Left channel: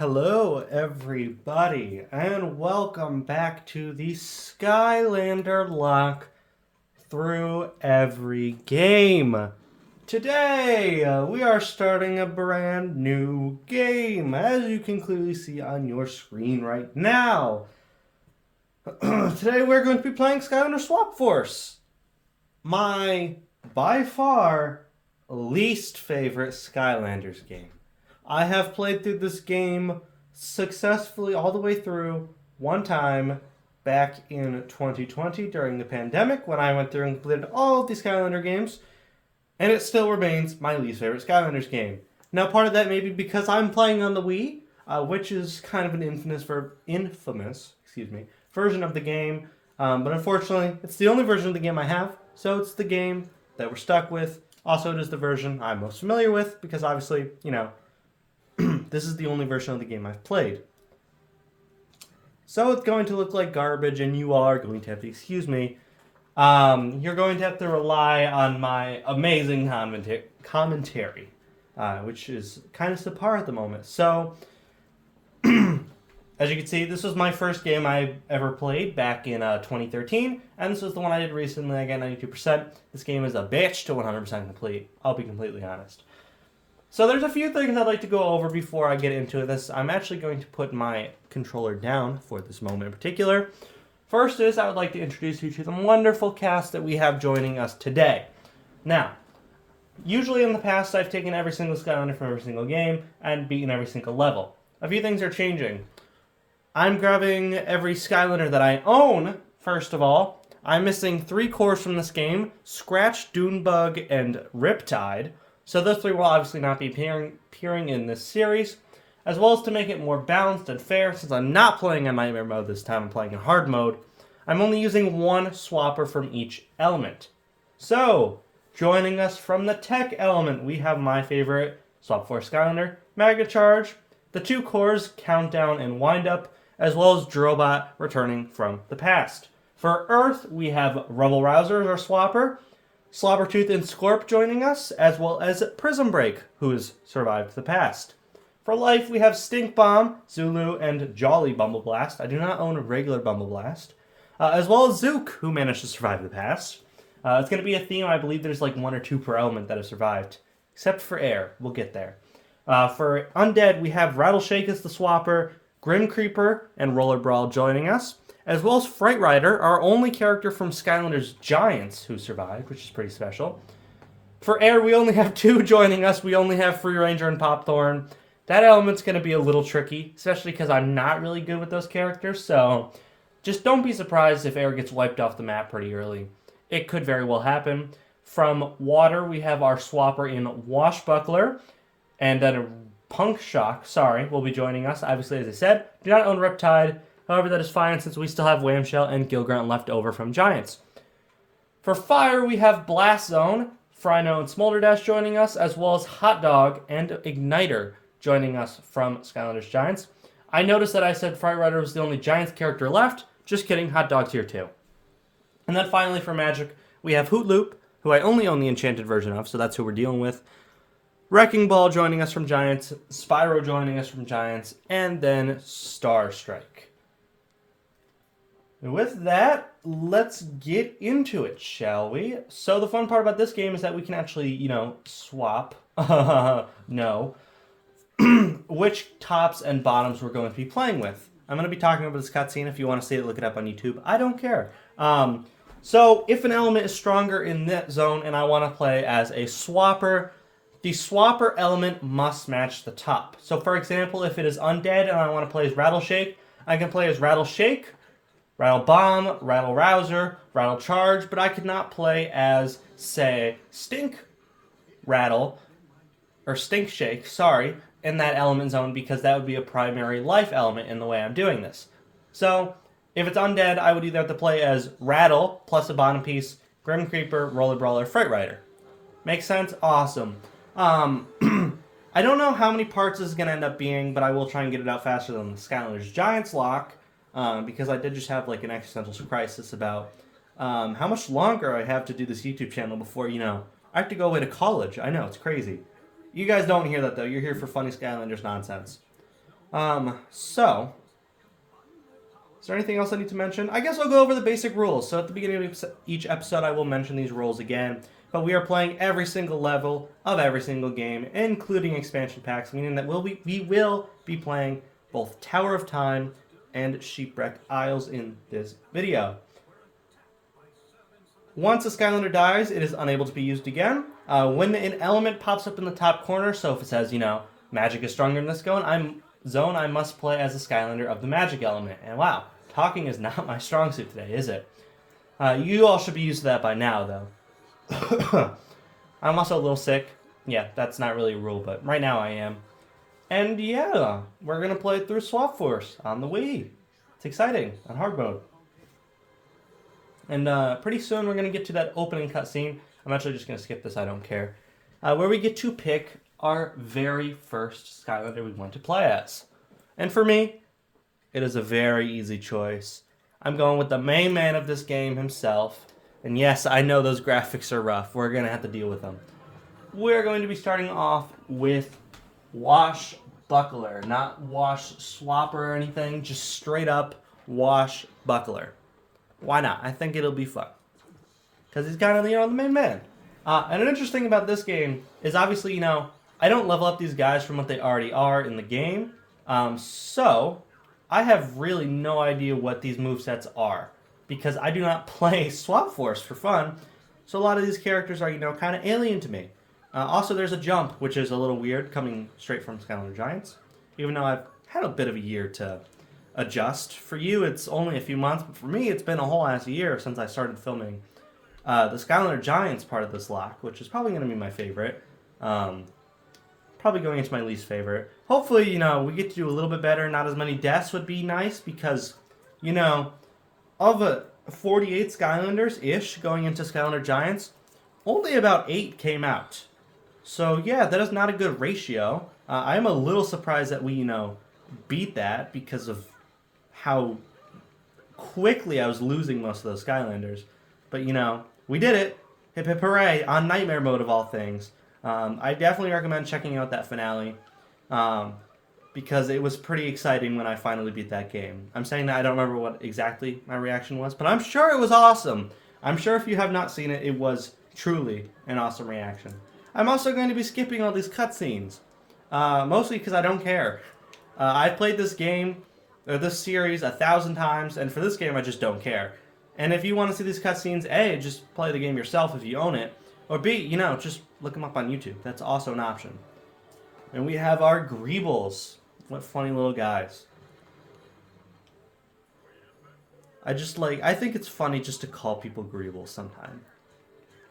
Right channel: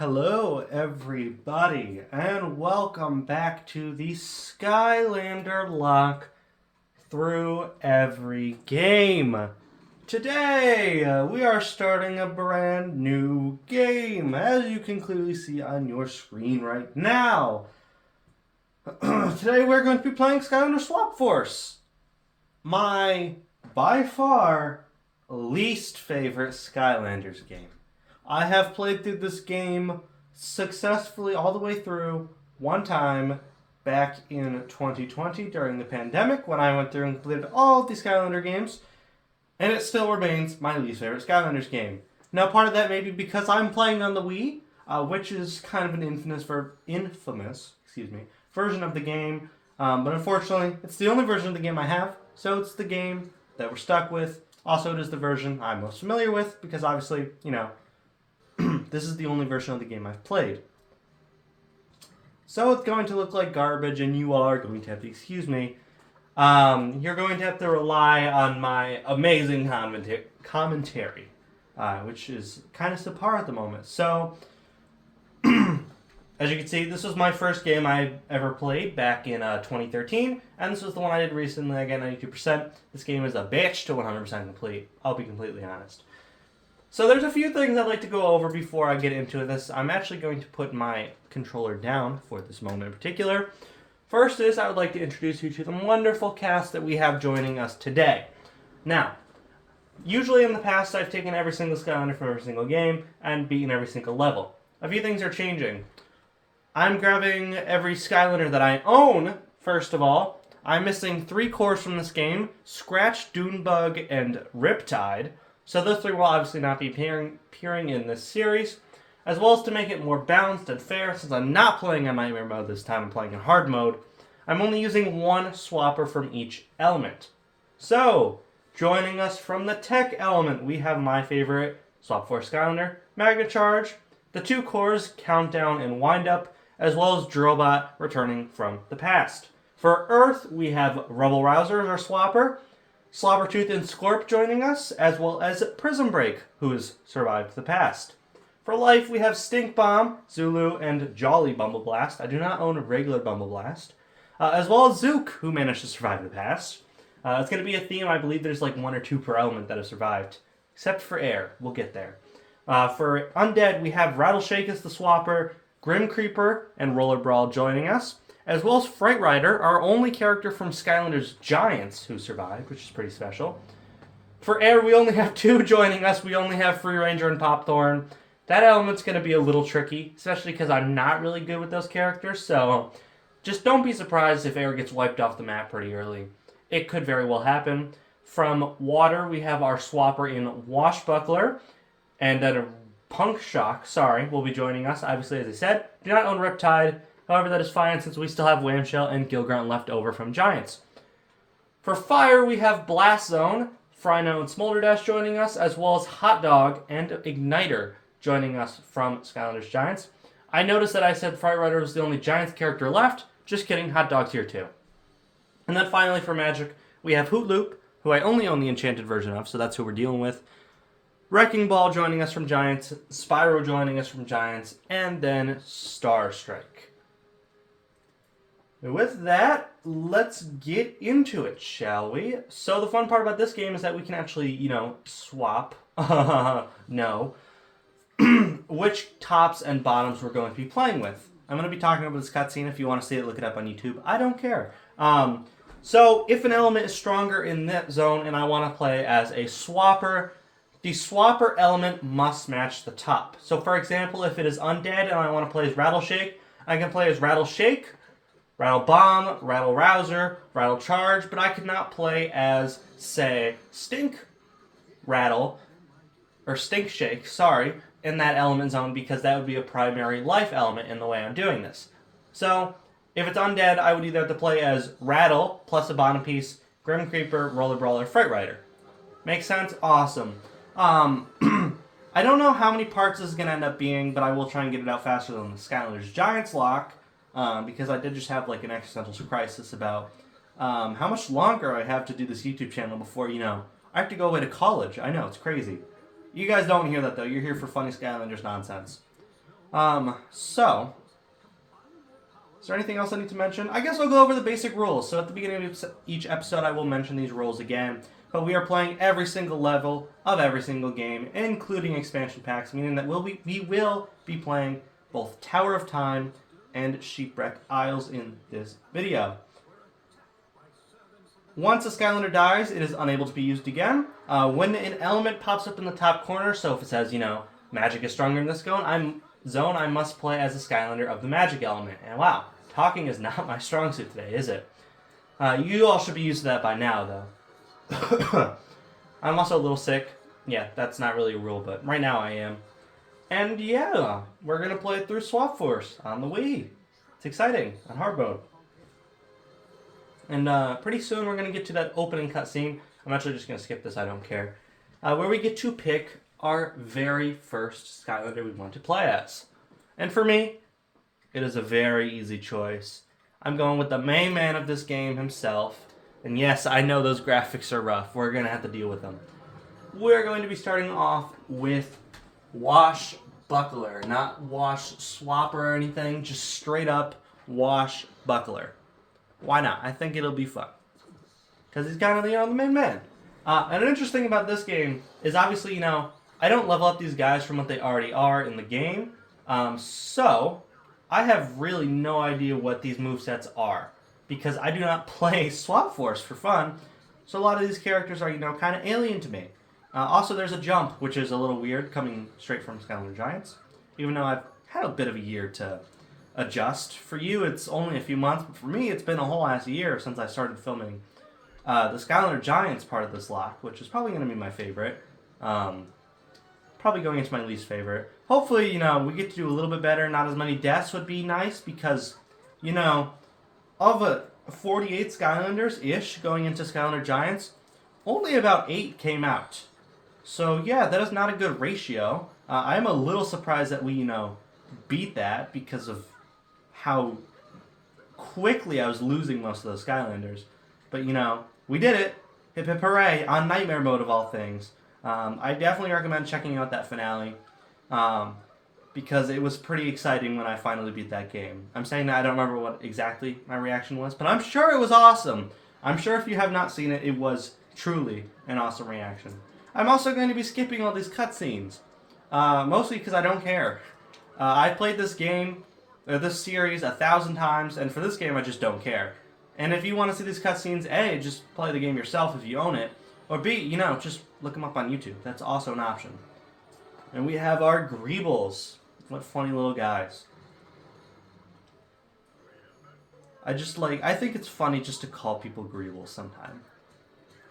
Hello, everybody, and welcome back to the Skylander Locke through every game. Today, we are starting a brand new game, as you can clearly see on your screen right now. Today, we're going to be playing Skylanders Swap Force, my, by far, least favorite Skylanders game. I have played through this game successfully all the way through one time back in 2020 during the pandemic when I went through and completed all of the Skylander games, and it still remains my least favorite Skylanders game. Now, part of that may be because I'm playing on the Wii, which is kind of an infamous version of the game, but unfortunately, it's the only version of the game I have, so it's the game that we're stuck with. Also, it is the version I'm most familiar with because obviously, this is the only version of the game I've played. So it's going to look like garbage, and you all are going to have to excuse me. You're going to have to rely on my amazing commentary, which is kind of subpar at the moment. So, as you can see, this was my first game I ever played back in 2013, and this was the one I did recently. I got 92%. This game is a bitch to 100% complete. I'll be completely honest. So there's a few things I'd like to go over before I get into this. I'm actually going to put my controller down for this moment in particular. First is I would like to introduce you to the wonderful cast that we have joining us today. Now, usually in the past I've taken every single Skylander from every single game and beaten every single level. A few things are changing. I'm grabbing every Skylander that I own, first of all. I'm missing 3 cores from this game, Scratch, Dunebug, and Riptide. So those 3 will obviously not be appearing in this series, as well as to make it more balanced and fair, since I'm not playing in Nightmare mode this time, I'm playing in hard mode. I'm only using 1 swapper from each element. So, joining us from the tech element, we have my favorite Swap Force Skylander, Magna Charge, the 2 cores, Countdown and Wind Up, as well as Drobot returning from the past. For Earth, we have Rubble Rouser as our swapper, Slobbertooth and Scorp joining us, as well as Prism Break, who has survived the past. For life, we have Stink Bomb, Zulu, and Jolly Bumbleblast. I do not own a regular Bumbleblast. As well as Zook, who managed to survive the past. It's going to be a theme. I believe there's like 1 or 2 per element that have survived. Except for air. We'll get there. For Undead, we have Rattleshake as the swapper, Grim Creeper, and Roller Brawl joining us, as well as Fright Rider, our only character from Skylanders Giants who survived, which is pretty special. For air, we only have 2 joining us. We only have Free Ranger and Popthorn. That element's going to be a little tricky, especially because I'm not really good with those characters, so just don't be surprised if air gets wiped off the map pretty early. It could very well happen. From water, we have our swapper in Washbuckler, and then Punk Shock, will be joining us. Obviously, as I said, do not own Riptide. However, that is fine since we still have Whamshell and Gilgrant left over from Giants. For fire, we have Blast Zone, Frino and Smolderdash joining us, as well as Hot Dog and Igniter joining us from Skylanders Giants. I noticed that I said Fright Rider was the only Giants character left. Just kidding, Hot Dog's here too. And then finally for magic, we have Hoot Loop, who I only own the enchanted version of, so that's who we're dealing with. Wrecking Ball joining us from Giants, Spyro joining us from Giants, and then Star Strike. With that, let's get into it, shall we? So the fun part about this game is that we can actually, swap, which tops and bottoms we're going to be playing with. I'm going to be talking about this cutscene. If you want to see it, look it up on YouTube. I don't care. So if an element is stronger in that zone and I want to play as a swapper, the swapper element must match the top. So for example, if it is undead and I want to play as Rattleshake, I can play as Rattleshake, Rattle Bomb, Rattle Rouser, Rattle Charge, but I could not play as, say, Stink Rattle, or Stink Shake, in that element zone because that would be a primary life element in the way I'm doing this. So, if it's undead, I would either have to play as Rattle, plus a bottom piece, Grim Creeper, Roller Brawler, Fright Rider. Make sense? Awesome. I don't know how many parts this is going to end up being, but I will try and get it out faster than the Skylanders Giants Locke, because I did just have like an existential crisis about how much longer I have to do this YouTube channel before, I have to go away to college. I know, it's crazy. You guys don't hear that, though. You're here for funny Skylanders nonsense. So, is there anything else I need to mention? I guess I'll go over the basic rules. So at the beginning of each episode, I will mention these rules again. But we are playing every single level of every single game, including expansion packs, meaning that we will be playing both Tower of Time and Shipwreck Isles in this video. Once a Skylander dies, it is unable to be used again. When an element pops up in the top corner, so if it says, magic is stronger in this zone, I must play as a Skylander of the magic element. And wow, talking is not my strong suit today, is it? You all should be used to that by now, though. I'm also a little sick. Yeah, that's not really a rule, but right now I am. And yeah, we're going to play through Swap Force on the Wii. It's exciting, on hard mode. And pretty soon we're going to get to that opening cutscene. I'm actually just going to skip this, I don't care. Where we get to pick our very first Skylander we want to play as. And for me, it is a very easy choice. I'm going with the main man of this game himself. And yes, I know those graphics are rough. We're going to have to deal with them. We're going to be starting off with Wash Buckler. Not Wash Swapper or anything. Just straight up Wash Buckler. Why not? I think it'll be fun. Because he's kind of the main man. And an interesting about this game is obviously, I don't level up these guys from what they already are in the game. So, I have really no idea what these movesets are. Because I do not play Swap Force for fun. So a lot of these characters are, kind of alien to me. Also, there's a jump, which is a little weird, coming straight from Skylanders Giants. Even though I've had a bit of a year to adjust. For you, it's only a few months, but for me, it's been a whole ass year since I started filming the Skylanders Giants part of this lock, which is probably going to be my favorite. Probably going into my least favorite. Hopefully, we get to do a little bit better. Not as many deaths would be nice because, of 48 Skylanders-ish going into Skylanders Giants, only about 8 came out. So yeah, that is not a good ratio. I'm a little surprised that we, beat that because of how quickly I was losing most of those Skylanders. But, we did it. Hip hip hooray on Nightmare Mode of all things. I definitely recommend checking out that finale. Because it was pretty exciting when I finally beat that game. I'm saying that I don't remember what exactly my reaction was, but I'm sure it was awesome. I'm sure if you have not seen it, it was truly an awesome reaction. I'm also going to be skipping all these cutscenes, mostly because I don't care. I've played this game, or this series, 1,000 times, and for this game I just don't care. And if you want to see these cutscenes, A, just play the game yourself if you own it, or B, just look them up on YouTube. That's also an option. And we have our Greebles. What funny little guys. I think it's funny just to call people Greebles sometimes.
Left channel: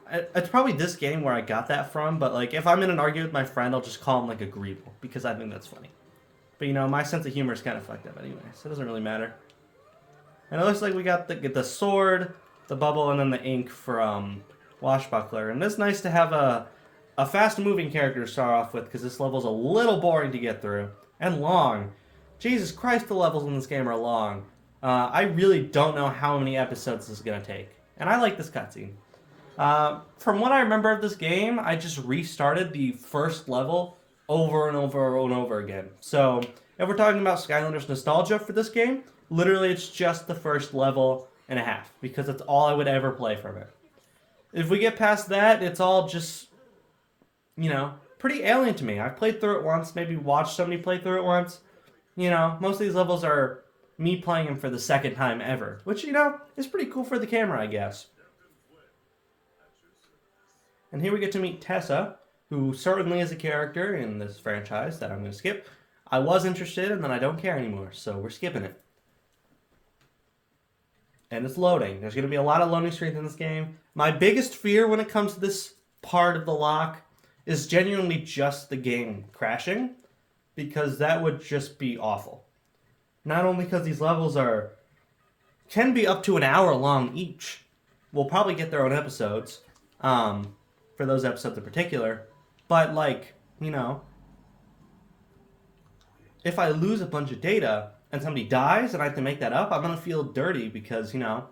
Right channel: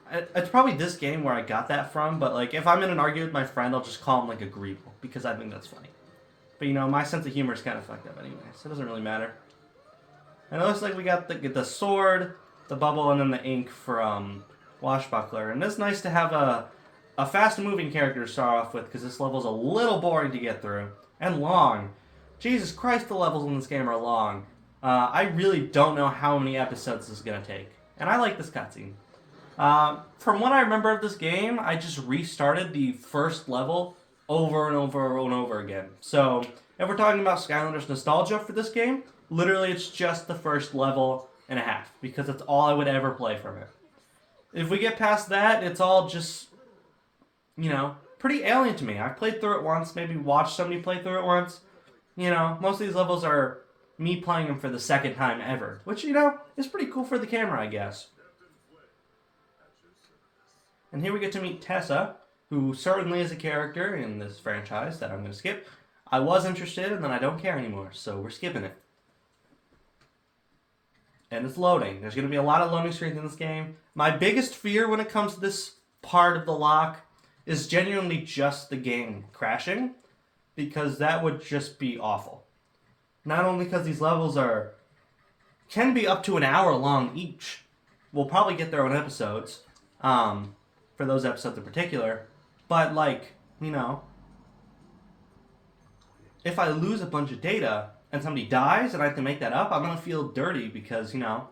It's probably this game where I got that from, but if I'm in an argument with my friend, I'll just call him a Greeble, because I think that's funny. But my sense of humor is kind of fucked up anyway, so it doesn't really matter. And it looks like we got the sword, the bubble, and then the ink for Washbuckler. And it's nice to have a fast-moving character to start off with, because this level's a little boring to get through. And long. Jesus Christ, the levels in this game are long. I really don't know how many episodes this is going to take. And I like this cutscene. From what I remember of this game, I just restarted the first level over and over and over again. So, if we're talking about Skylanders nostalgia for this game, literally it's just the first level and a half. Because that's all I would ever play from it. If we get past that, it's all just, pretty alien to me. I've played through it once, maybe watched somebody play through it once. Most of these levels are me playing them for the second time ever. Which, is pretty cool for the camera, I guess. And here we get to meet Tessa, who certainly is a character in this franchise that I'm going to skip. I was interested, and then I don't care anymore, so we're skipping it. And it's loading. There's going to be a lot of loading screens in this game. My biggest fear when it comes to this part of the lock is genuinely just the game crashing, because that would just be awful. Not only because these levels can be up to an hour long each. We'll probably get their own episodes, for those episodes in particular, but if I lose a bunch of data and somebody dies and I have to make that up, I'm going to feel dirty because, I'm going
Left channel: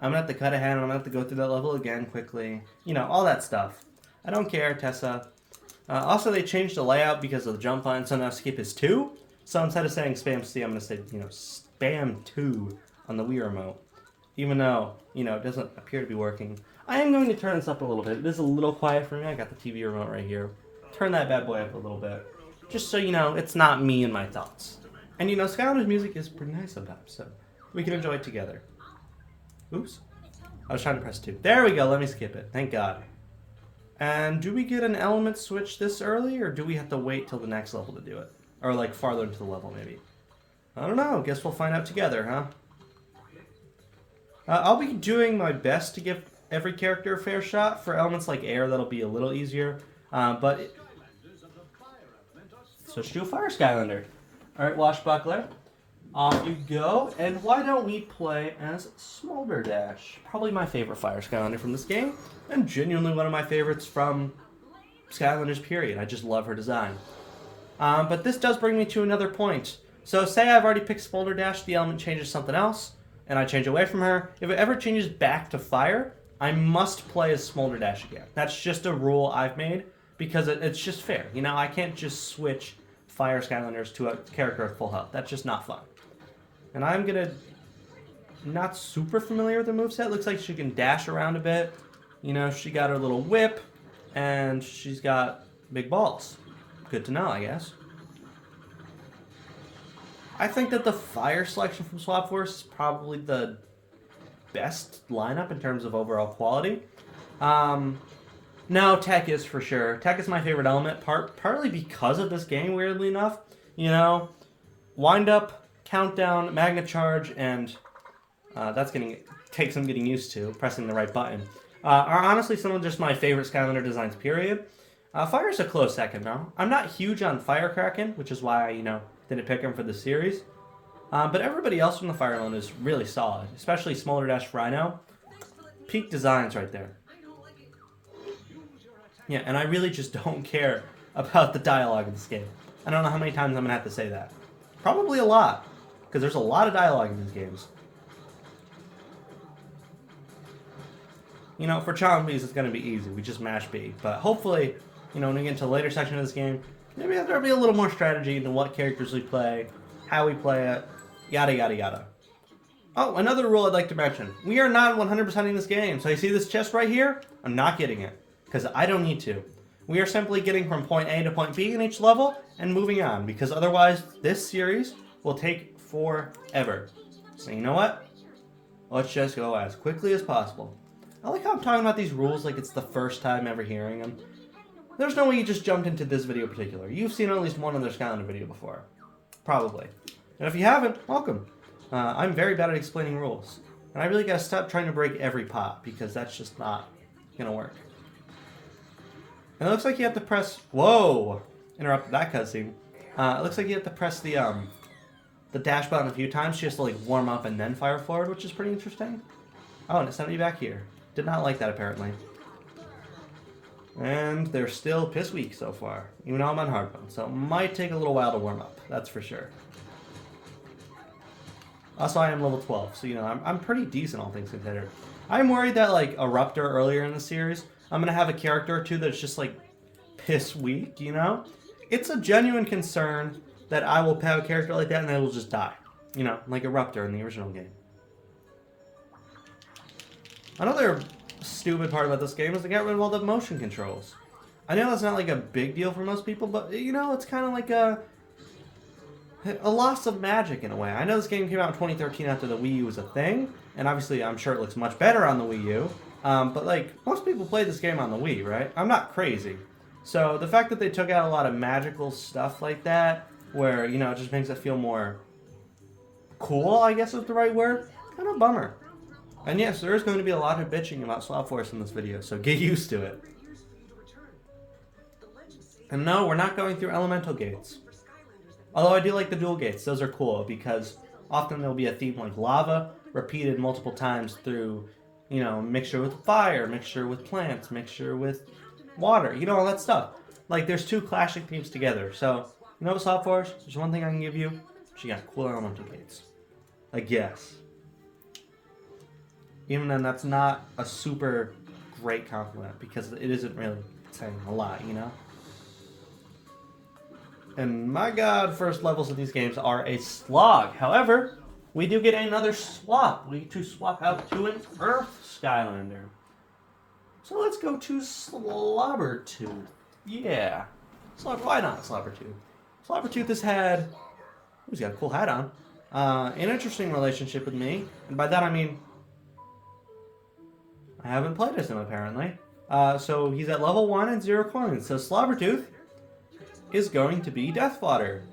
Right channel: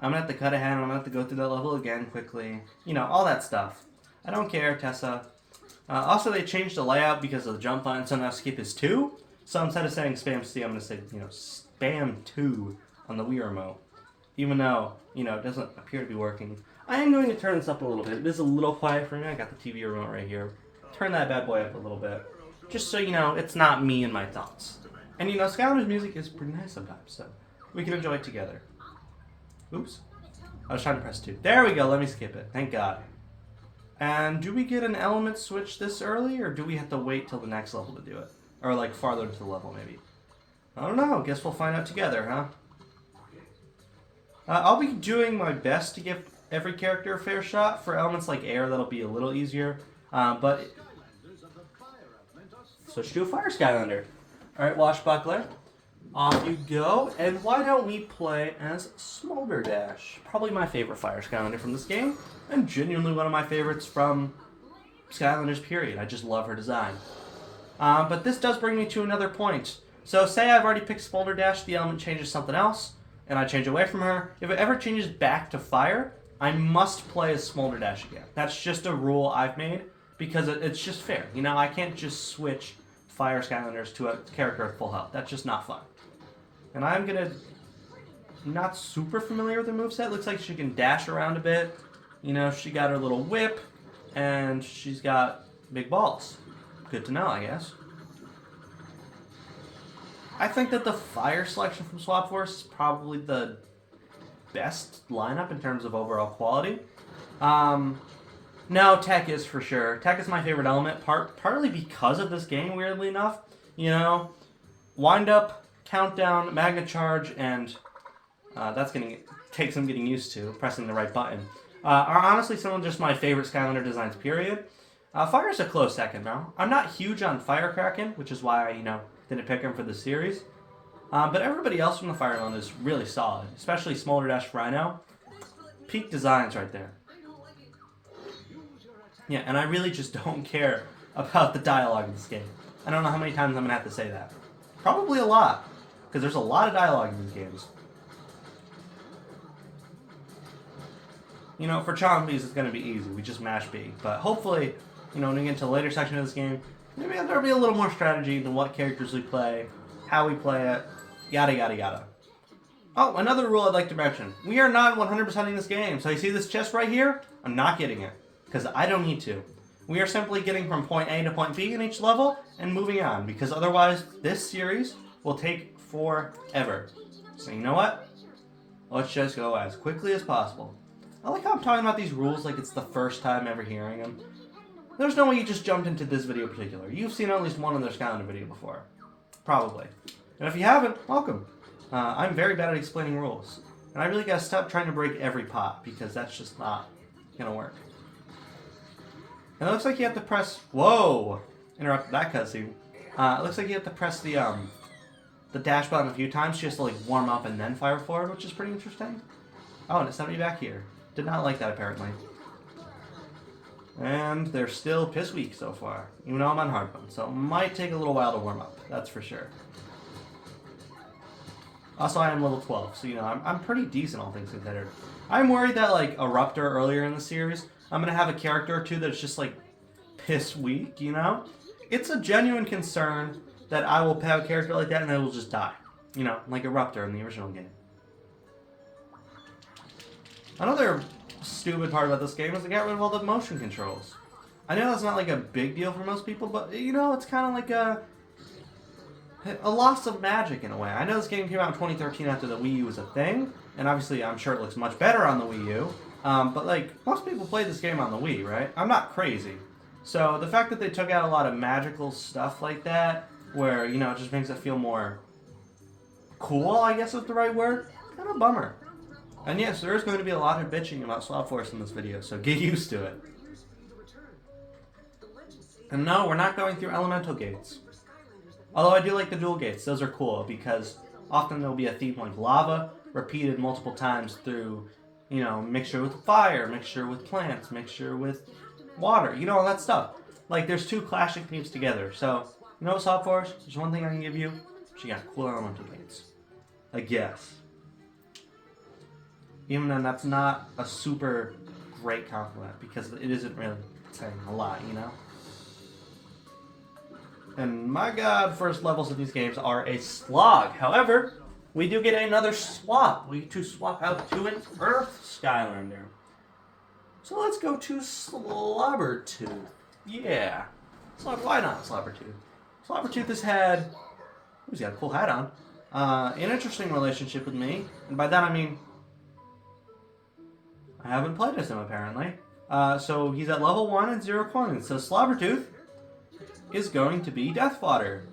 to have to cut ahead and I'm going to have to go through that level again quickly, all that stuff. I don't care, Tessa. Also, they changed the layout because of the jump line, so now skip is 2. So instead of saying spam C, I'm going to say, spam 2 on the Wii remote. Even though, it doesn't appear to be working. I am going to turn this up a little bit. It is a little quiet for me. I got the TV remote right here. Turn that bad boy up a little bit. Just so it's not me and my thoughts. And Skylanders music is pretty nice sometimes, so we can enjoy it together. Oops. I was trying to press 2. There we go. Let me skip it. Thank God. And do we get an element switch this early, or do we have to wait till the next level to do it? Or like farther into the level, maybe. I don't know. Guess we'll find out together, huh? I'll be doing my best to give every character a fair shot. For elements like air, that'll be a little easier. But switch to a fire Skylander. Alright, Washbuckler. Off you go. And why don't we play as Smolderdash? Probably my favorite fire Skylander from this game. And genuinely one of my favorites from Skylanders, period. I just love her design. But this does bring me to another point. So say I've already picked Smolderdash, the element changes something else, and I change away from her. If it ever changes back to fire, I must play as Smolderdash again. That's just a rule I've made, because it's just fair. I can't just switch fire Skylanders to a character at full health. That's just not fun. And I'm going to... Not super familiar with her moveset. Looks like she can dash around a bit. She got her little whip, and she's got big balls. Good to know, I guess. I think that the fire selection from Swap Force is probably the best lineup in terms of overall quality. No, tech is for sure. Tech is my favorite element, partly because of this game, weirdly enough. Wind up, countdown, magnet charge, and takes some getting used to, pressing the right button. Are honestly some of just my favorite Skylander designs, period. Fire is a close second, though. I'm not huge on Firecracken, which is why I, didn't pick him for the series. But everybody else from the Fire line is really solid, especially Smolderdash Rhino. Peak designs right there. Yeah, and I really just don't care about the dialogue in this game. I don't know how many times I'm going to have to say that. Probably a lot, because there's a lot of dialogue in these games. For Chombies, it's going to be easy. We just mash B. But hopefully, when we get into the later section of this game, maybe there'll be a little more strategy than what characters we play, how we play it, yada, yada, yada. Oh, another rule I'd like to mention. We are not 100%ing this game. So you see this chest right here? I'm not getting it, because I don't need to. We are simply getting from point A to point B in each level and moving on, because otherwise this series will take forever. So you know what? Let's just go as quickly as possible. I like how I'm talking about these rules like it's the first time ever hearing them. There's no way you just jumped into this video in particular. You've seen at least one other Skylander video before. Probably. And if you haven't, welcome. I'm very bad at explaining rules. And I really gotta stop trying to break every pot, because that's just not gonna work. And it looks like you have to press... Whoa! Interrupted that cutscene. It looks like you have to press the dash button a few times just to warm up and then fire forward, which is pretty interesting. Oh, and it sent me back here. Did not like that, apparently. And they're still piss weak so far, even though I'm on hard mode, so it might take a little while to warm up, that's for sure. Also, I am level 12, so I'm pretty decent, all things considered. I'm worried that, a Ruptor earlier in the series, I'm going to have a character or two that's just, piss weak, It's a genuine concern that I will have a character like that and it will just die. Like a Ruptor in the original game. Another stupid part about this game is they got rid of all the motion controls. I know that's not a big deal for most people, but it's kind of like a loss of magic in a way. I know this game came out in 2013 after the Wii U was a thing, and obviously I'm sure it looks much better on the Wii U, but most people play this game on the Wii, right? I'm not crazy. So the fact that they took out a lot of magical stuff like that, where, it just makes it feel more cool, I guess is the right word, kind of a bummer. And yes, there is going to be a lot of bitching about Swap Force in this video, so get used to it. And no, we're not going through elemental gates. Although I do like the dual gates, those are cool, because often there'll be a theme like lava, repeated multiple times through, mixture with fire, mixture with plants, mixture with water, all that stuff. There's two clashing themes together, so, Swap Force, there's one thing I can give you, she got cool elemental gates. I guess. Even then, that's not a super great compliment, because it isn't really saying a lot, And my god, first levels of these games are a slog. However, we do get another swap. We get to swap out to an Earth Skylander. So let's go to Slobbertooth. Yeah. Why not Slobbertooth? Slobbertooth has had... He's got a cool hat on. An interesting relationship with me. And by that I mean... I haven't played as him, apparently. So he's at level 1 and 0 coins. So Slobbertooth is going to be Death Fodder.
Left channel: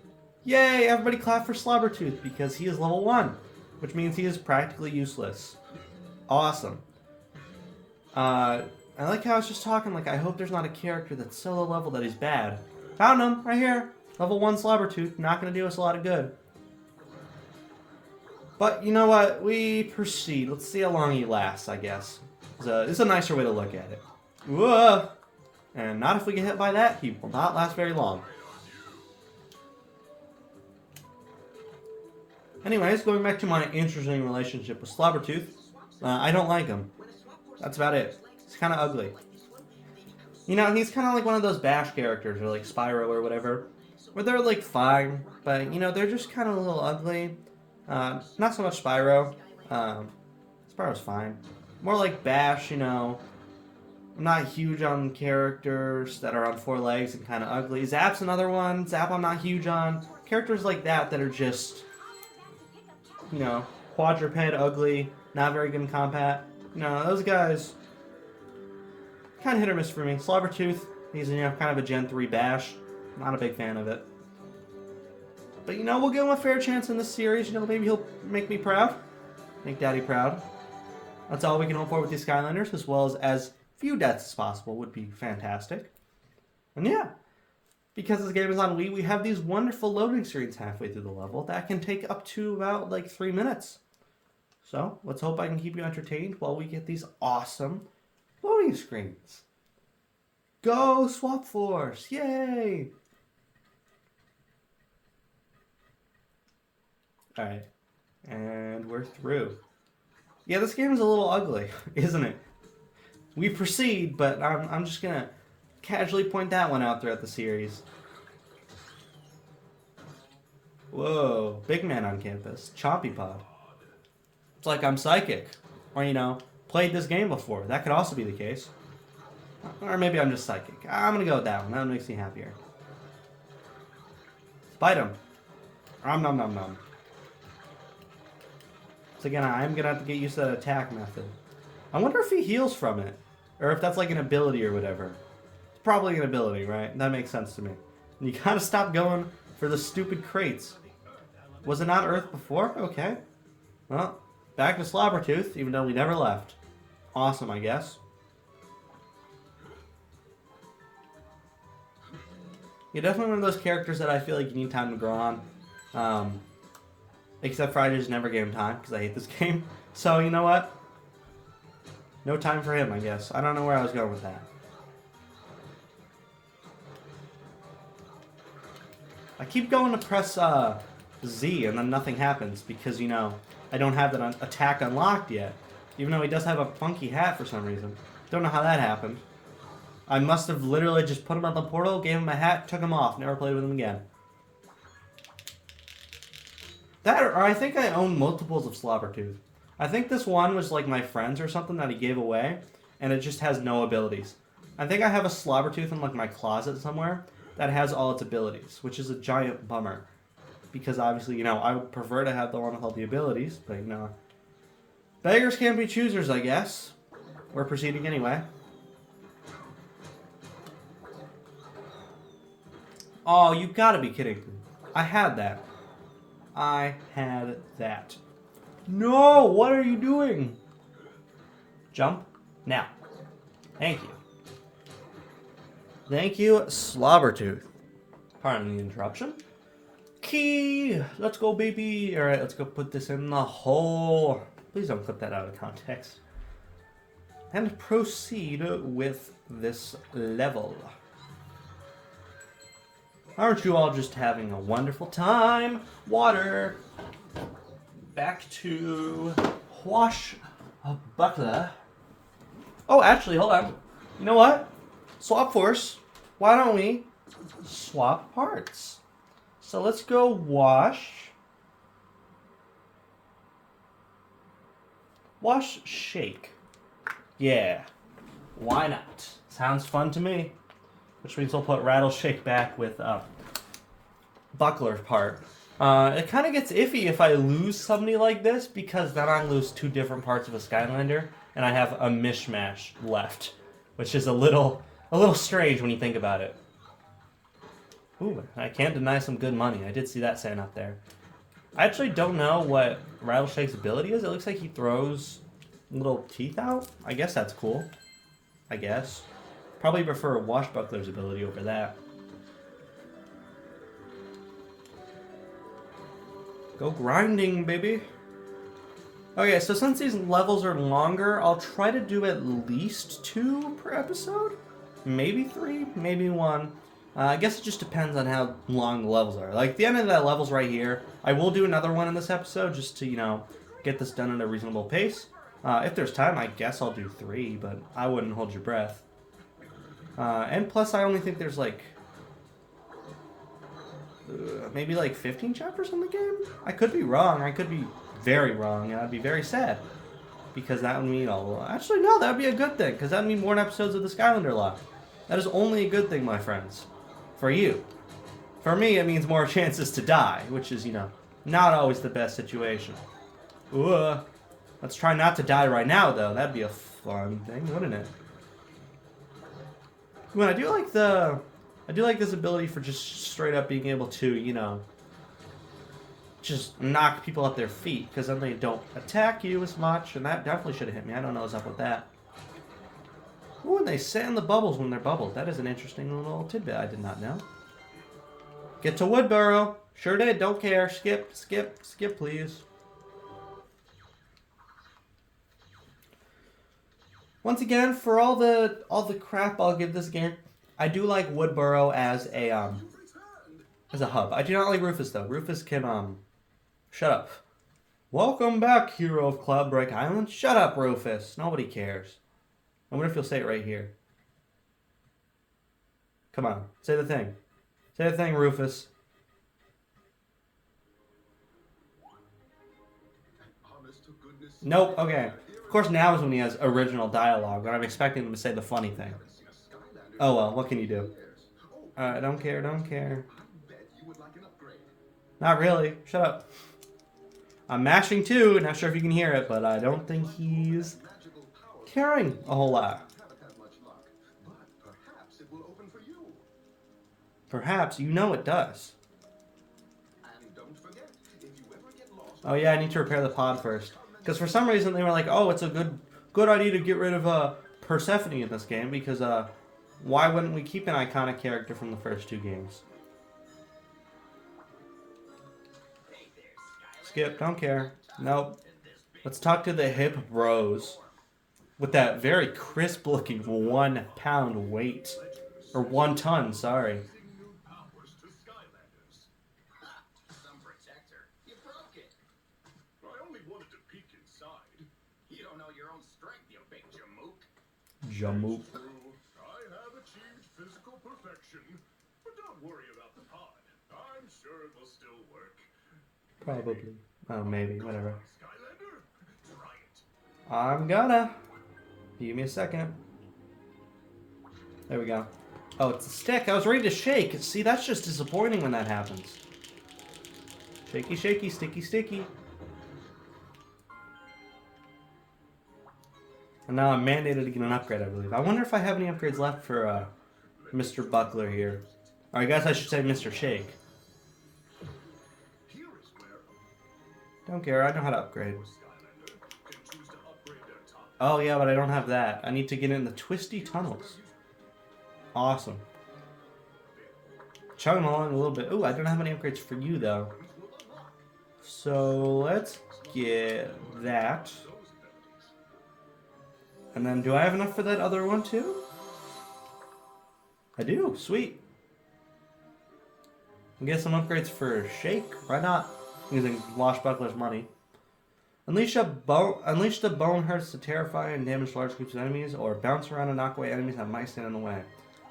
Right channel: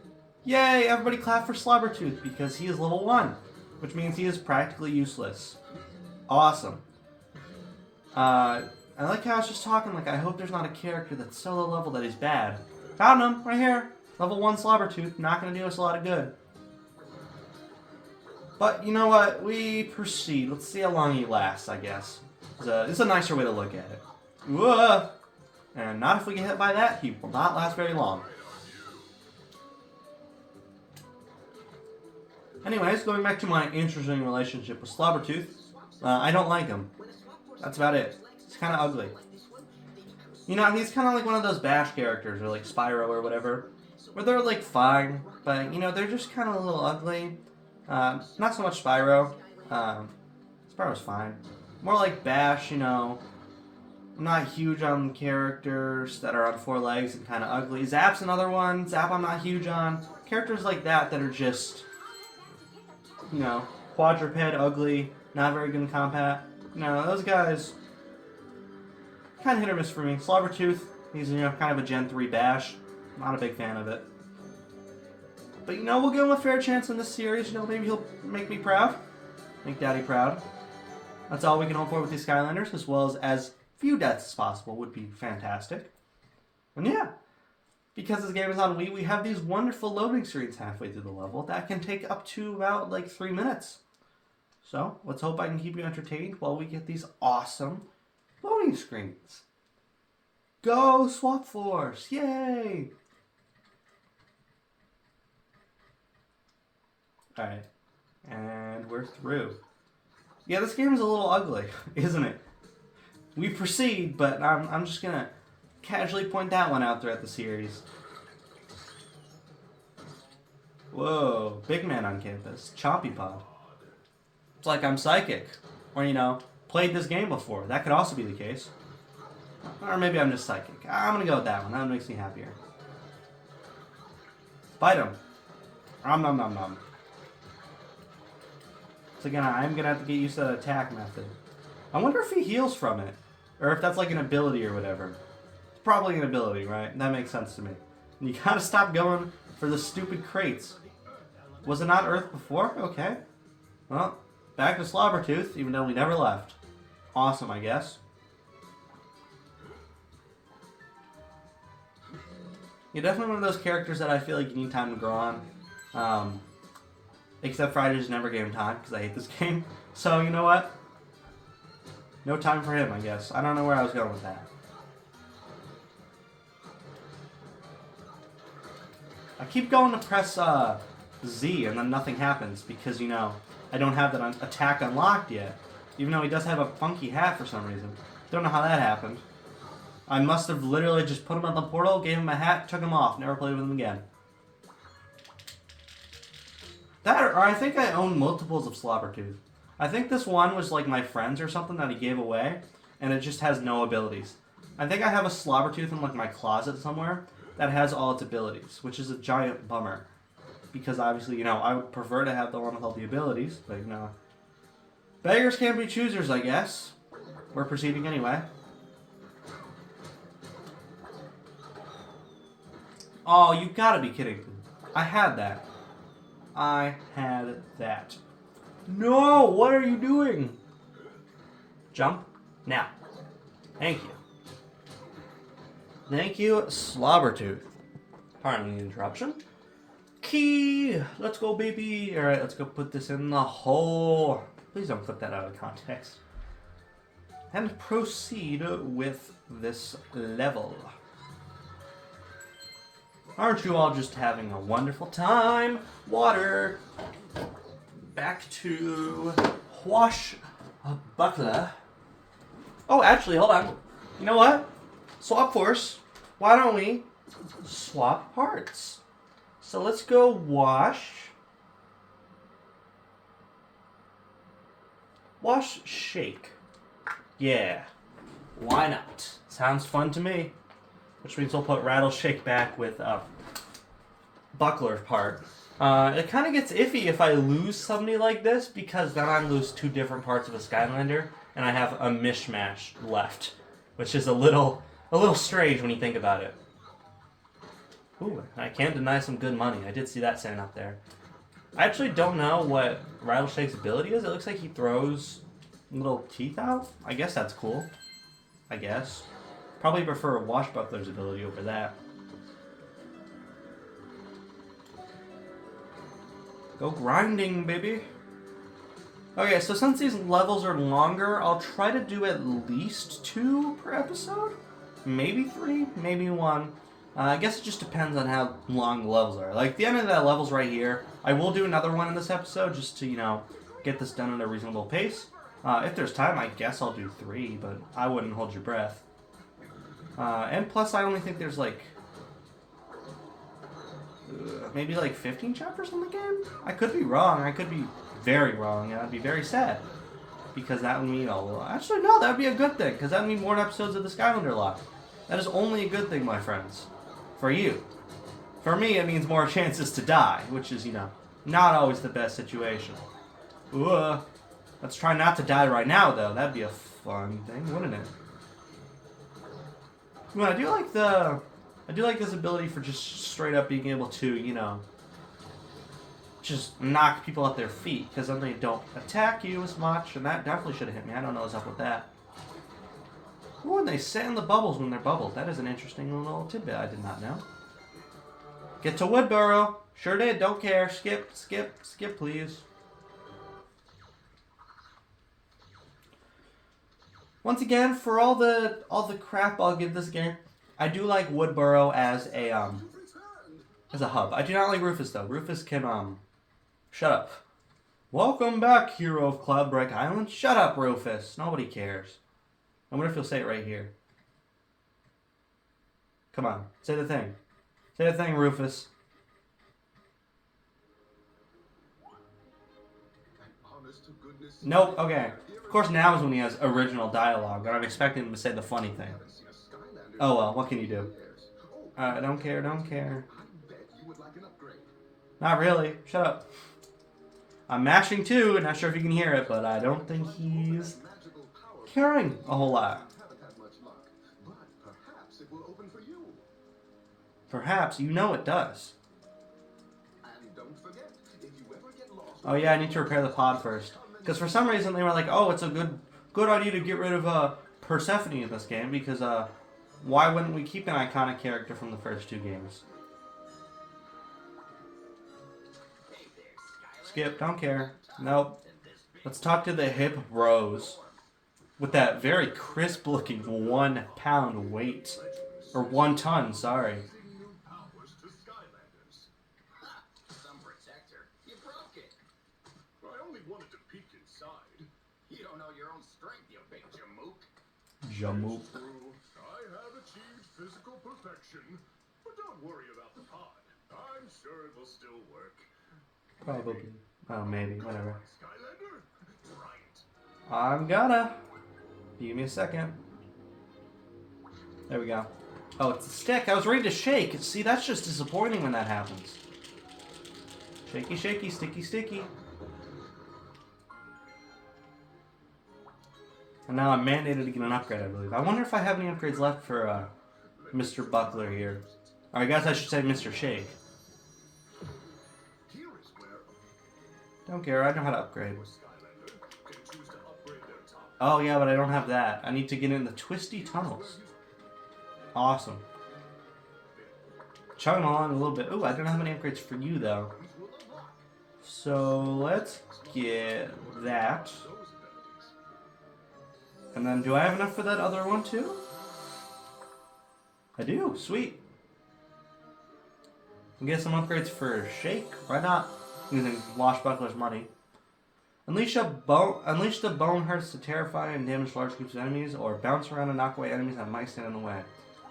Yay! Everybody clap for Slobbertooth because he is level 1. Which means he is practically useless. Awesome. I like how I was just talking, like, I hope there's not a character that's so low level that he's bad. Found him, right here. Level 1 Slobbertooth, not going to do us a lot of good. But, you know what? We proceed. Let's see how long he lasts, I guess. It's a nicer way to look at it. Whoa! And not if we get hit by that, he will not last very long. Anyways, going back to my interesting relationship with Slobbertooth, I don't like him. That's about it. He's kind of ugly. You know, he's kind of like one of those Bash characters, or like Spyro or whatever, where they're like fine, but you know, they're just kind of a little ugly. Not so much Spyro. Spyro's fine. More like Bash, you know. I'm not huge on characters that are on 4 legs and kind of ugly. Zap's another one. Zap I'm not huge on. Characters like that are just, you know, quadruped, ugly, not very good in combat. You know, those guys, kind of hit or miss for me. Slobbertooth, he's, you know, kind of a Gen 3 Bash. Not a big fan of it. But, you know, we'll give him a fair chance in this series. You know, maybe he'll make me proud. Make Daddy proud. That's all we can hope for with these Skylanders, as well as few deaths as possible would be fantastic. And yeah, because this game is on Wii, we have these wonderful loading screens halfway through the level that can take up to about, like, 3 minutes. So, let's hope I can keep you entertained while we get these awesome loading screens. Go Swap Force! Yay! Alright. And we're through. Yeah, this game is a little ugly, isn't it? We proceed, but I'm just going to casually point that one out throughout the series. Whoa, big man on campus. Chompy Pod. It's like I'm psychic. Or, you know, played this game before. That could also be the case. Or maybe I'm just psychic. I'm going to go with that one. That one makes me happier. Bite him. Nom nom nom nom. So again, I'm going to have to get used to that attack method. I wonder if he heals from it. Or if that's like an ability or whatever. It's probably an ability, right? That makes sense to me. And you gotta stop going for the stupid crates. Was it not Earth before? Okay. Well, back to Slobbertooth, even though we never left. Awesome, I guess. You're definitely one of those characters that I feel like you need time to grow on. Except for I just never gave him time, because I hate this game. So, you know what? No time for him, I guess. I don't know where I was going with that. I keep going to press Z and then nothing happens because, you know, I don't have that attack unlocked yet. Even though he does have a funky hat for some reason. Don't know how that happened. I must have literally just put him on the portal, gave him a hat, took him off, never played with him again. That, or I think I own multiples of Slobbertooth. I think this one was like my friend's or something that he gave away, and it just has no abilities. I think I have a Slobbertooth in like my closet somewhere that has all its abilities, which is a giant bummer. Because obviously, you know, I would prefer to have the one with all the abilities, but you know, beggars can't be choosers, I guess. We're proceeding anyway. Oh, you gotta be kidding me. I had that. I had that. No! What are you doing? Jump. Now. Thank you. Thank you, Slobbertooth. Pardon the interruption. Key! Let's go, baby! Alright, let's go put this in the hole. Please don't clip that out of context. And proceed with this level. Aren't you all just having a wonderful time? Water. Back to Wash Butler. Oh, actually, hold on. You know what? Swap Force. Why don't we swap parts? So let's go wash. Wash, shake. Yeah. Why not? Sounds fun to me. Which means we'll put Rattle Shake back with Buckler's part. It kind of gets iffy if I lose somebody like this, because then I lose two different parts of a Skylander, and I have a mishmash left, which is a little strange when you think about it. Ooh, I can't deny some good money. I did see that sign up there. I actually don't know what Rattleshake's ability is. It looks like he throws little teeth out. I guess that's cool. I guess. Probably prefer Washbuckler's ability over that. Go grinding, baby. Okay, so since these levels are longer, I'll try to do at least 2 per episode. Maybe 3, maybe 1. I guess it just depends on how long the levels are. Like, the end of that level's right here. I will do another one in this episode just to, you know, get this done at a reasonable pace. If there's time, I guess I'll do 3, but I wouldn't hold your breath. And plus, I only think there's, like, maybe like 15 chapters in the game? I could be wrong. I could be very wrong, and I'd be very sad. Because that would mean, actually, no, that would be a good thing, because that would mean more episodes of the Skylander Locke. That is only a good thing, my friends. For you. For me, it means more chances to die, which is, you know, not always the best situation. Ooh, let's try not to die right now, though. That'd be a fun thing, wouldn't it? Well, I do like this ability for just straight up being able to, you know, just knock people at their feet, because then they don't attack you as much, and that definitely should have hit me. I don't know what's up with that. Ooh, and they sand the bubbles when they're bubbled. That is an interesting little tidbit I did not know. Get to Woodburrow. Sure did, don't care. Skip, skip, skip, please. Once again, for all the crap I'll give this game, I do like Woodburrow as a hub. I do not like Rufus though. Rufus can shut up. Welcome back, hero of Cloudbreak Island. Shut up, Rufus. Nobody cares. I wonder if you'll say it right here. Come on, say the thing. Say the thing, Rufus. Nope. Okay. Of course, now is when he has original dialogue, and I'm expecting him to say the funny thing. Oh well, what can you do? I don't care, don't care. Not really. Shut up. I'm mashing too, not sure if you can hear it, but I don't think he's caring a whole lot. Perhaps, you know it does. Oh yeah, I need to repair the pod first. Because for some reason they were like, oh, it's a good idea to get rid of Persephone in this game, because why wouldn't we keep an iconic character from the first 2 games? Skip, don't care. Nope. Let's talk to the hip bros. With that very crisp looking 1 pound weight. Or 1 ton, sorry. Jamook. I have achieved physical perfection, but don't worry about the pod. I'm sure it will still work. Probably. Oh, maybe. Whatever. Skylander, try it. I'm gonna. Give me a second. There we go. Oh, it's a stick. I was ready to shake. See, that's just disappointing when that happens. Shaky, shaky, sticky, sticky. And now I'm mandated to get an upgrade, I believe. I wonder if I have any upgrades left for Mr. Buckler here. Or I guess I should say Mr. Shake. Don't care, I know how to upgrade. Oh yeah, but I don't have that. I need to get in the twisty tunnels. Awesome. Chugging along a little bit. Ooh, I don't have any upgrades for you though. So let's get that. And then, do I have enough for that other one, too? I do. Sweet. And get some upgrades for Shake. Why not? Using Washbuckler's money. Unleash the bone hurts to terrify and damage large groups of enemies, or bounce around and knock away enemies that might stand in the way.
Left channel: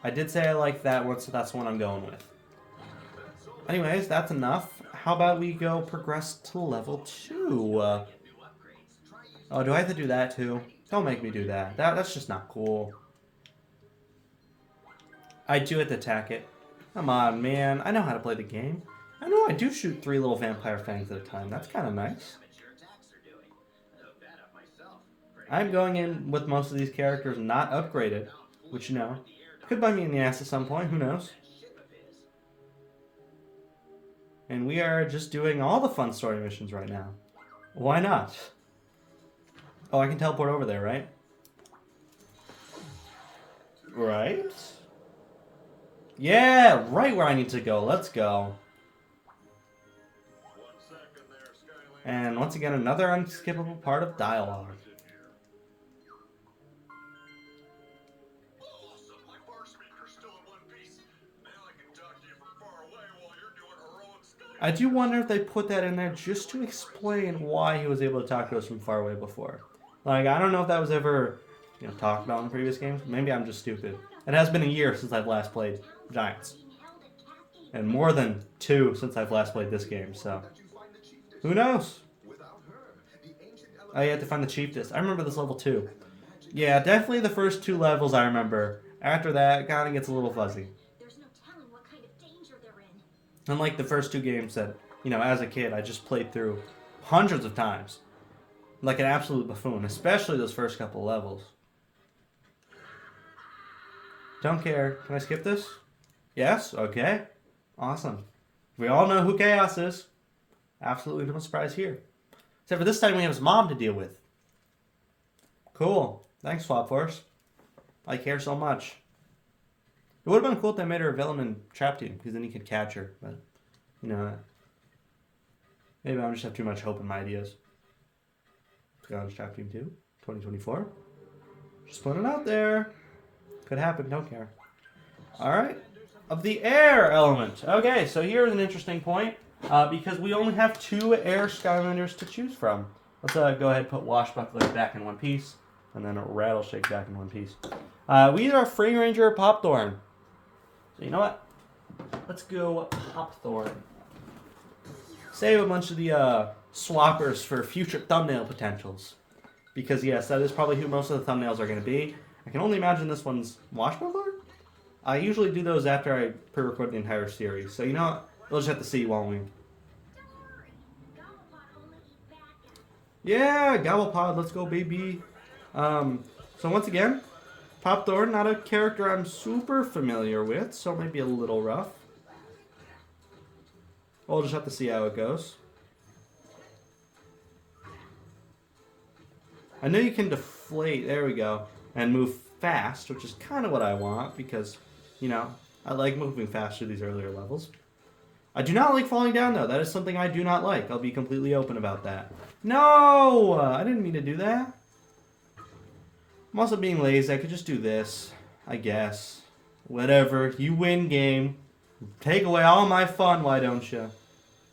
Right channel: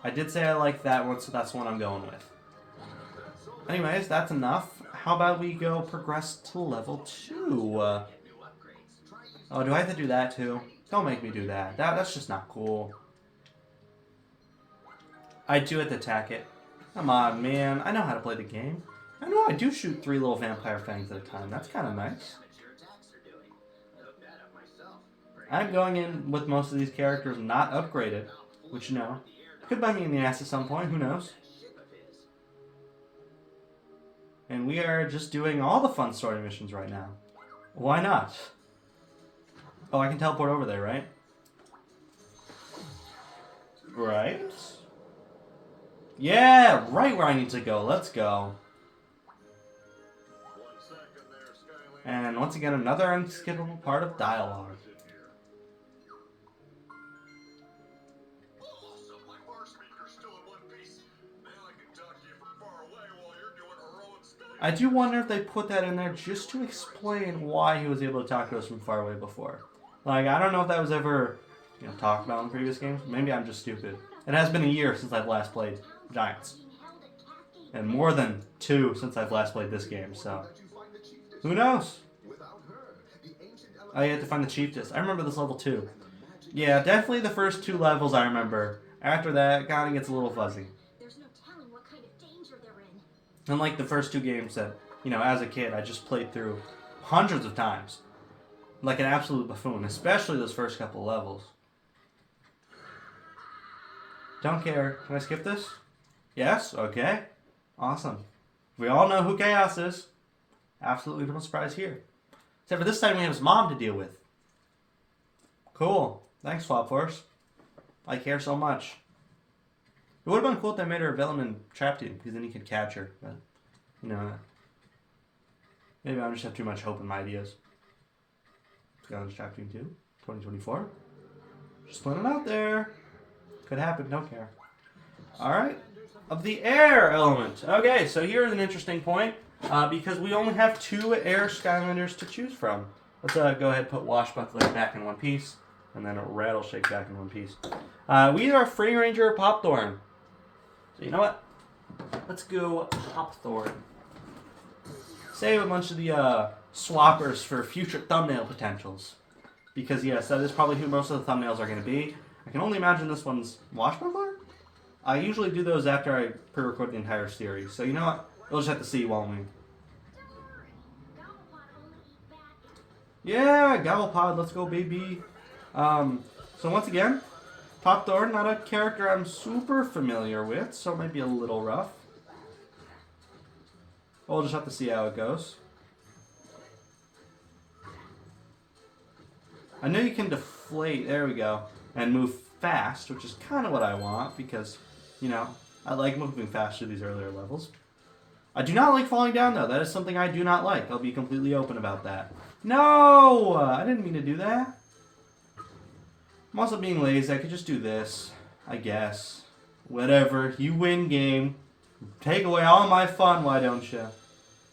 I did say I like that one, so that's the one I'm going with. Anyways, that's enough. How about we go progress to level 2? Oh, do I have to do that too? Don't make me do that. That's just not cool. I do have to attack it. Come on, man. I know how to play the game. I know I do shoot 3 little vampire fangs at a time. That's kind of nice. I'm going in with most of these characters not upgraded, which, you know, could bite me in the ass at some point. Who knows? And we are just doing all the fun story missions right now. Why not? Oh, I can teleport over there, right? Right? Yeah, right where I need to go. Let's go. And once again, another unskippable part of dialogue. I do wonder if they put that in there just to explain why he was able to talk to us from far away before. Like, I don't know if that was ever, you know, talked about in previous games. Maybe I'm just stupid. It has been a year since I've last played Giants. And more than 2 since I've last played this game, so who knows? Oh, you have to find the chief disc. I remember this level too. Yeah, definitely the first 2 levels I remember. After that, it kind of gets a little fuzzy. Unlike the first 2 games that, you know, as a kid, I just played through hundreds of times. Like an absolute buffoon, especially those first couple levels. Don't care. Can I skip this? Yes? Okay. Awesome. We all know who Chaos is. Absolutely no surprise here. Except for this time we have his mom to deal with. Cool. Thanks, Swap Force. I care so much. It would have been cool if they made her a villain in Trap Team, because then he could catch her. But, you know, maybe I just have too much hope in my ideas. Skylanders Trap Team 2, 2024. Just putting it out there. Could happen, don't care. Alright. Of the air element. Okay, so here's an interesting point. Because we only have 2 air Skylanders to choose from. Let's go ahead and put Washbuckler back in one piece. And then Rattleshake back in one piece. We are Free Ranger Popthorn. So you know what? Let's go Popthorn. Save a bunch of the swappers for future thumbnail potentials. Because yes, that is probably who most of the thumbnails are going to be. I can only imagine this one's Washbuckler? I usually do those after I pre-record the entire series. So you know what? We'll just have to see, won't we? Yeah, Gobblepod, let's go, baby. So once again, Popthorn, not a character I'm super familiar with, so it might be a little rough. We'll just have to see how it goes. I know you can deflate, there we go, and move fast, which is kind of what I want, because, you know, I like moving fast through these earlier levels. I do not like falling down, though. That is something I do not like. I'll be completely open about that. No! I didn't mean to do that. I'm also being lazy. I could just do this, I guess. Whatever. You win, game. Take away all my fun, why don't you?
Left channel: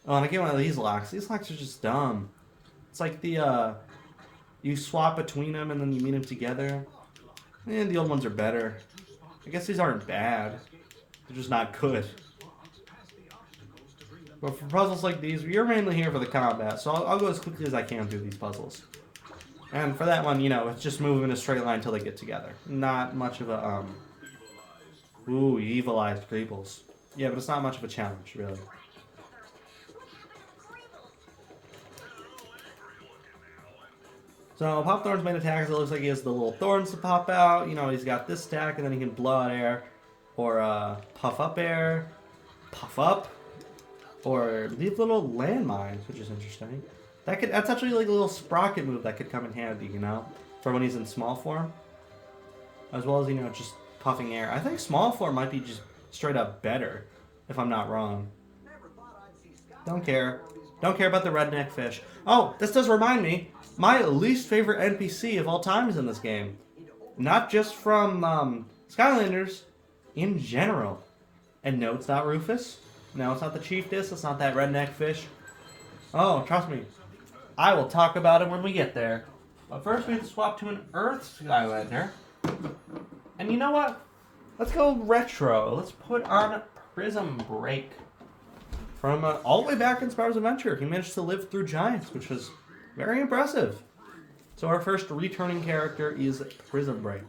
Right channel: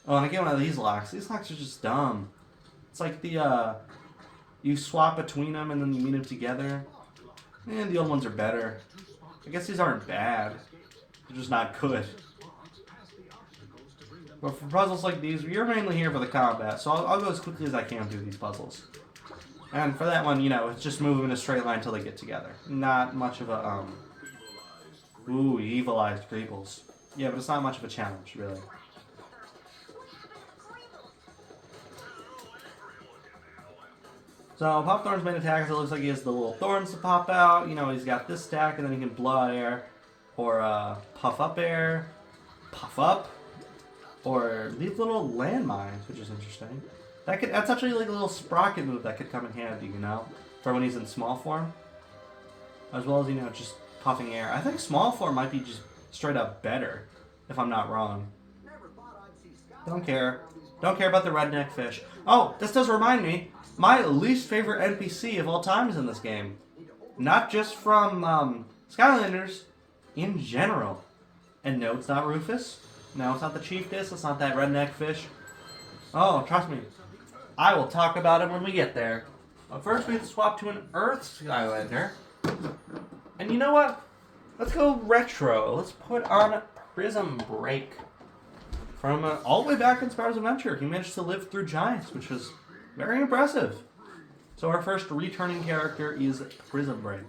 Oh, and I get one of these locks. These locks are just dumb. It's like the, you swap between them and then you meet them together. And the old ones are better. I guess these aren't bad. They're just not good. But for puzzles like these, you're mainly here for the combat, so I'll go as quickly as I can through these puzzles. And for that one, you know, it's just moving in a straight line until they get together. Not much of a, Ooh, evilized Greebles. Yeah, but it's not much of a challenge, really. So, Popthorn's main attack, it looks like he has the little thorns to pop out. You know, he's got this stack, and then he can blow out air. Or, puff up air. Puff up. Or leave little landmines, which is interesting. That's actually like a little sprocket move that could come in handy, you know? For when he's in small form. As well as, you know, just puffing air. I think small form might be just straight up better, if I'm not wrong. Don't care. Don't care about the redneck fish. Oh, this does remind me. My least favorite NPC of all time is in this game. Not just from Skylanders, in general. And no, it's not Rufus. No, it's not the Chief Disc. It's not that redneck fish. Oh, trust me. I will talk about it when we get there. But first we have to swap to an Earth Skylander. And you know what? Let's go retro. Let's put on Prism Break. From all the way back in Spyro's Adventure, he managed to live through giants, which was very impressive. So our first returning character is Prism Break.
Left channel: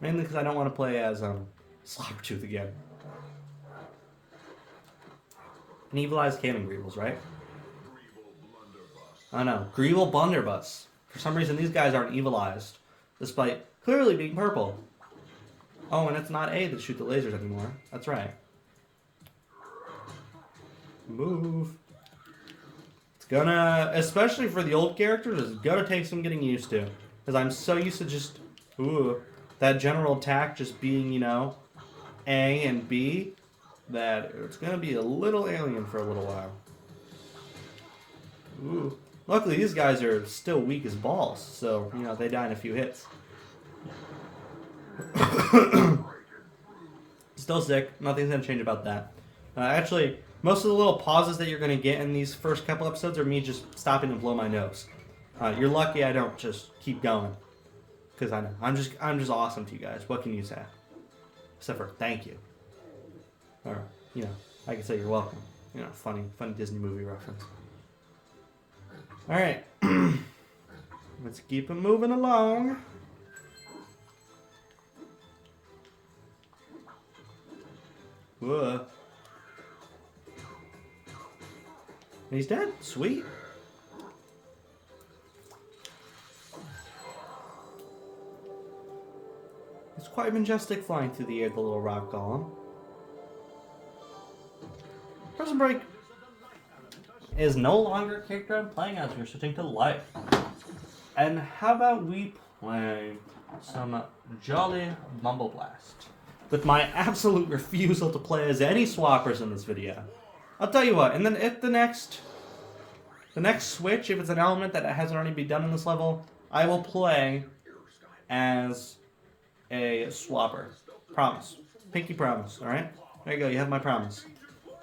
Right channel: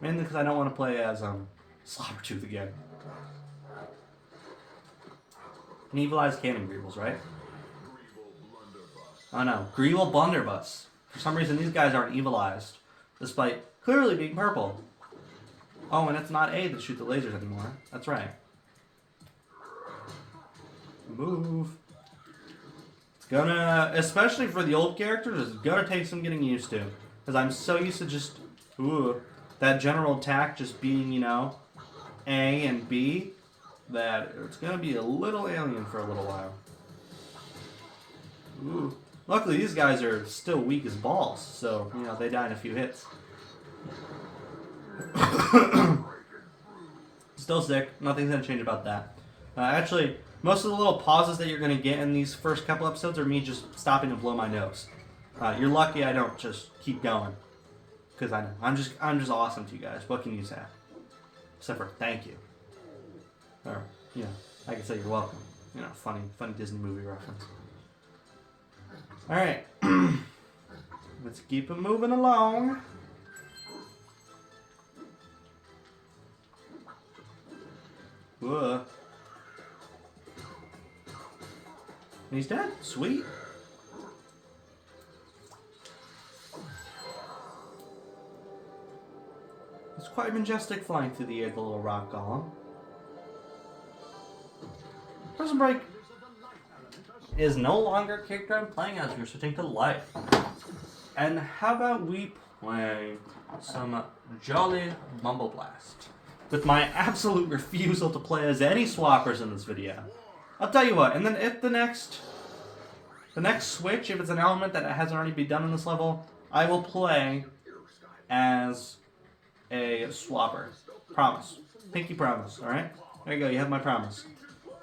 Mainly because I don't want to play as Slobbertooth again. An evilized Cannon Greebles, right? Oh no, Greeble Blunderbuss. For some reason, these guys aren't evilized, despite clearly being purple. Oh, and it's not A that shoot the lasers anymore. That's right. Move. It's gonna, especially for the old characters, it's gonna take some getting used to. Because I'm so used to just, that general attack just being, you know, A and B, that it's gonna be a little alien for a little while. Ooh. Luckily, these guys are still weak as balls, so, you know, they die in a few hits. Still sick. Nothing's gonna change about that. Actually, most of the little pauses that you're gonna get in these first couple episodes are me just stopping to blow my nose. You're lucky I don't just keep going, because I know I'm just awesome to you guys. What can you say? Except for thank you, or you know, I can say you're welcome. You know, funny Disney movie reference. All right, let's keep it moving along. Whoa. He's dead. Sweet. It's quite majestic flying through the air, the little rock golem. Prison Break is no longer a character I'm playing as. We're switching to life. And how about we play some Jolly Mumble Blast? With my absolute refusal to play as any swappers in this video. I'll tell you what, and then if the next switch, if it's an element that hasn't already been done in this level, I will play as a swapper. Promise. Pinky promise, alright? There you go, you have my promise.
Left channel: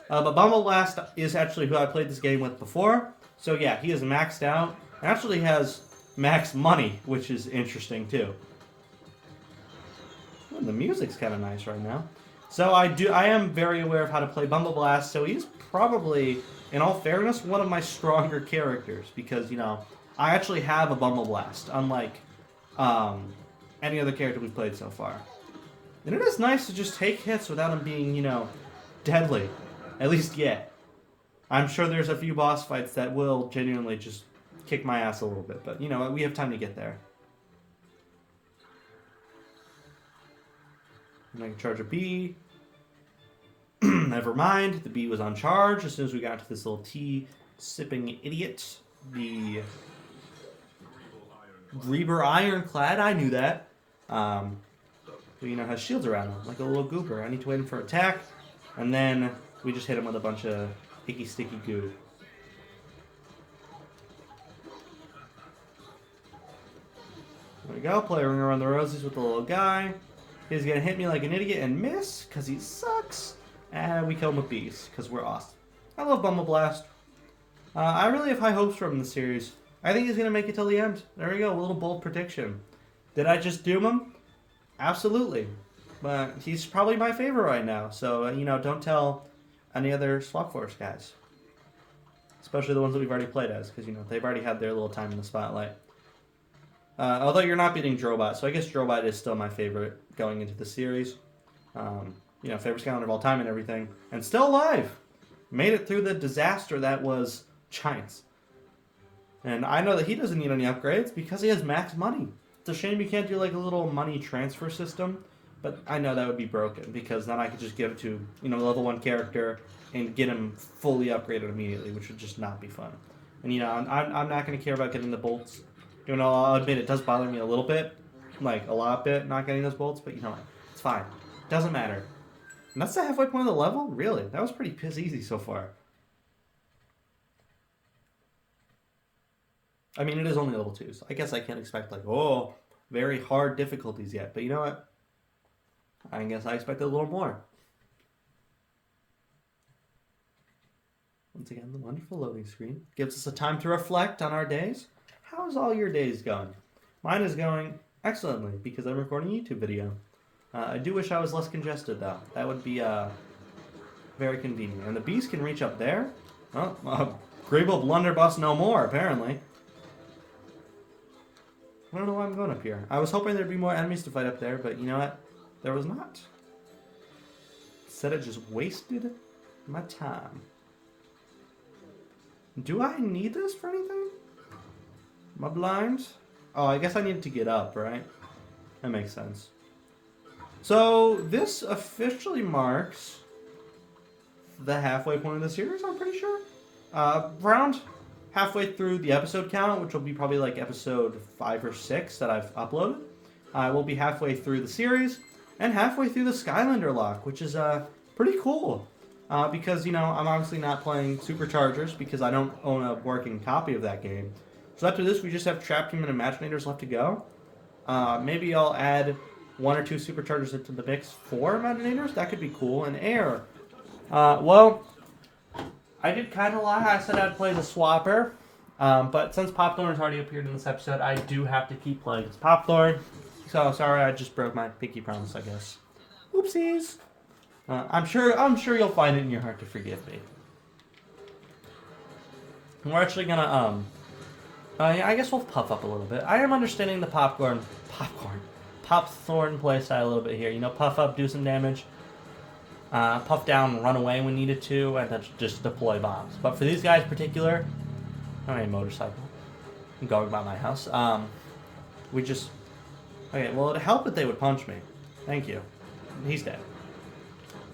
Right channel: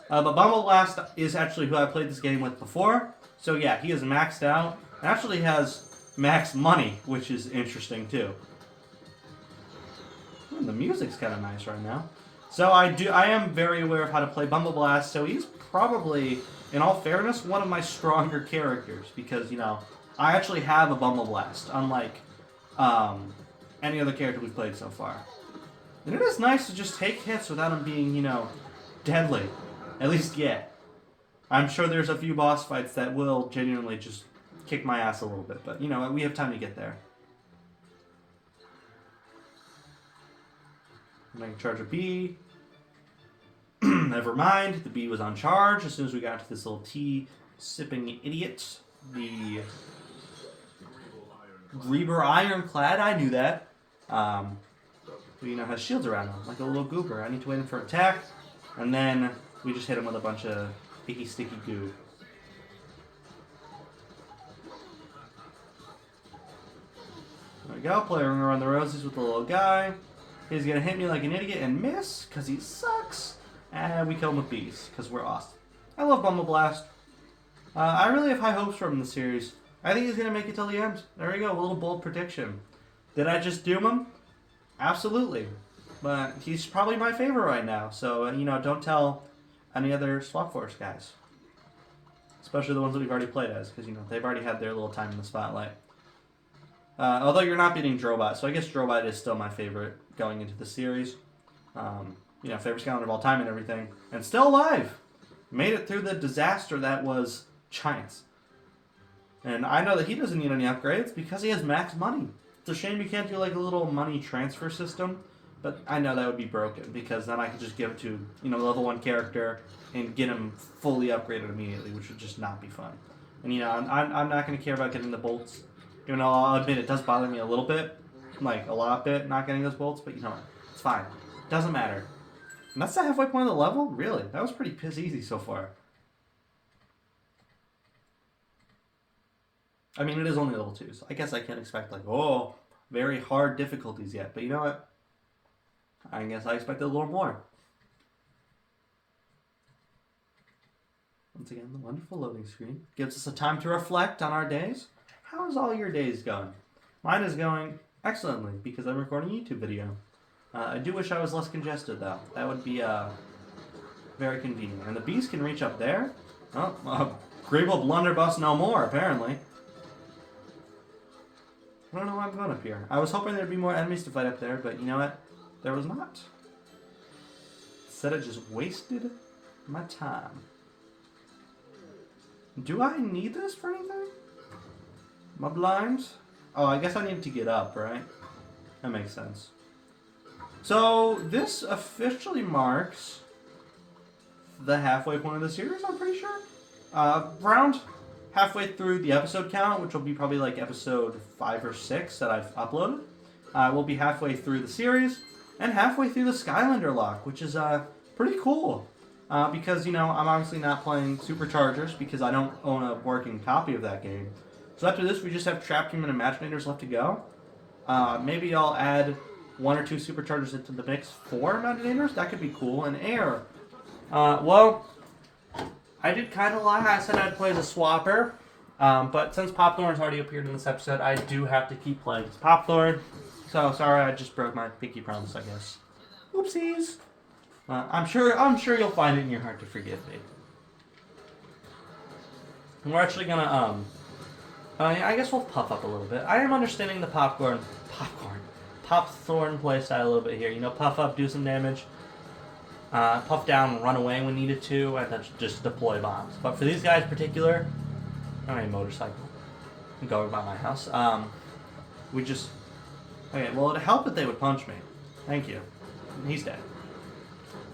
But Bumble Blast is actually who I played this game with before, so yeah, he is maxed out, and actually has max money, which is interesting too. The music's kind of nice right now. So I am very aware of how to play Bumble Blast, so he's probably, in all fairness, one of my stronger characters, because, you know, I actually have a Bumble Blast, unlike any other character we've played so far. And it is nice to just take hits without them being, you know, deadly. At least yet. I'm sure there's a few boss fights that will genuinely just kick my ass a little bit, but, you know, we have time to get there. I'm going to charge a B. Never mind, the B was on charge as soon as we got to this little tea sipping idiot. The Reaver Ironclad, I knew that. Who, you know, has shields around him, like a little goober. I need to wait him for attack, and then we just hit him with a bunch of icky sticky goo. There we go, play Ring Around the Roses with the little guy. He's gonna hit me like an idiot and miss, because he sucks. And we kill him with bees, because we're awesome. I love Bumble Blast. I really have high hopes for him in the series. I think he's gonna make it till the end. There we go, a little bold prediction. Did I just doom him? Absolutely. But he's probably my favorite right now, so, you know, don't tell any other Swap Force guys. Especially the ones that we've already played as, because, you know, they've already had their little time in the spotlight. Although you're not beating Drobot, so I guess Drobot is still my favorite going into the series. You know, favorite Skylander of all time and everything. And still alive! Made it through the disaster that was Giants. And I know that he doesn't need any upgrades because he has max money. It's a shame you can't do like a little money transfer system, but I know that would be broken because then I could just give it to, you know, level 1 character and get him fully upgraded immediately, which would just not be fun. And, you know, I'm not going to care about getting the bolts. You know, I'll admit it does bother me a little bit, like a lot bit, not getting those bolts, but you know, it's fine. It doesn't matter. And that's the halfway point of the level? Really? That was pretty piss easy so far. I mean, it is only level 2, so I guess I can't expect, like, oh, very hard difficulties yet. But you know what? I guess I expected a little more. Once again, the wonderful loading screen gives us a time to reflect on our days. How's all your days going? Mine is going excellently because I'm recording a YouTube video. I do wish I was less congested, though. That would be Very convenient. And the beast can reach up there. Oh, Grable Blunderbuss no more, apparently. I don't know why I'm going up here. I was hoping there'd be more enemies to fight up there, but you know what? There was not. Instead, it just wasted my time. Do I need this for anything? My blinds? Oh, I guess I need to get up, right? That makes sense. So, this officially marks the halfway point of the series, I'm pretty sure. Around halfway through the episode count, which will be probably like episode 5 or 6 that I've uploaded. We'll be halfway through the series and halfway through the Skylander Locke, which is pretty cool. Because, you know, I'm obviously not playing Superchargers because I don't own a working copy of that game. So after this, we just have Trap Team and Imaginators left to go. Maybe I'll add 1 or 2 Superchargers into the mix for Imaginators. That could be cool. And Air. Well, I did kind of lie. I said I'd play as a swapper. But since Popthorn's already appeared in this episode, I do have to keep playing as Popthorn. So, sorry, I just broke my pinky promise, I guess. Oopsies. I'm sure you'll find it in your heart to forgive me. We're actually gonna, yeah, I guess we'll puff up a little bit. I am understanding the Popthorn playstyle a little bit here. You know, puff up, do some damage. Puff down, run away when needed to, and then just deploy bombs. But for these guys in particular, I don't need a motorcycle. You go about my house. We just... Okay, well, it'd help if they would punch me. Thank you. He's dead.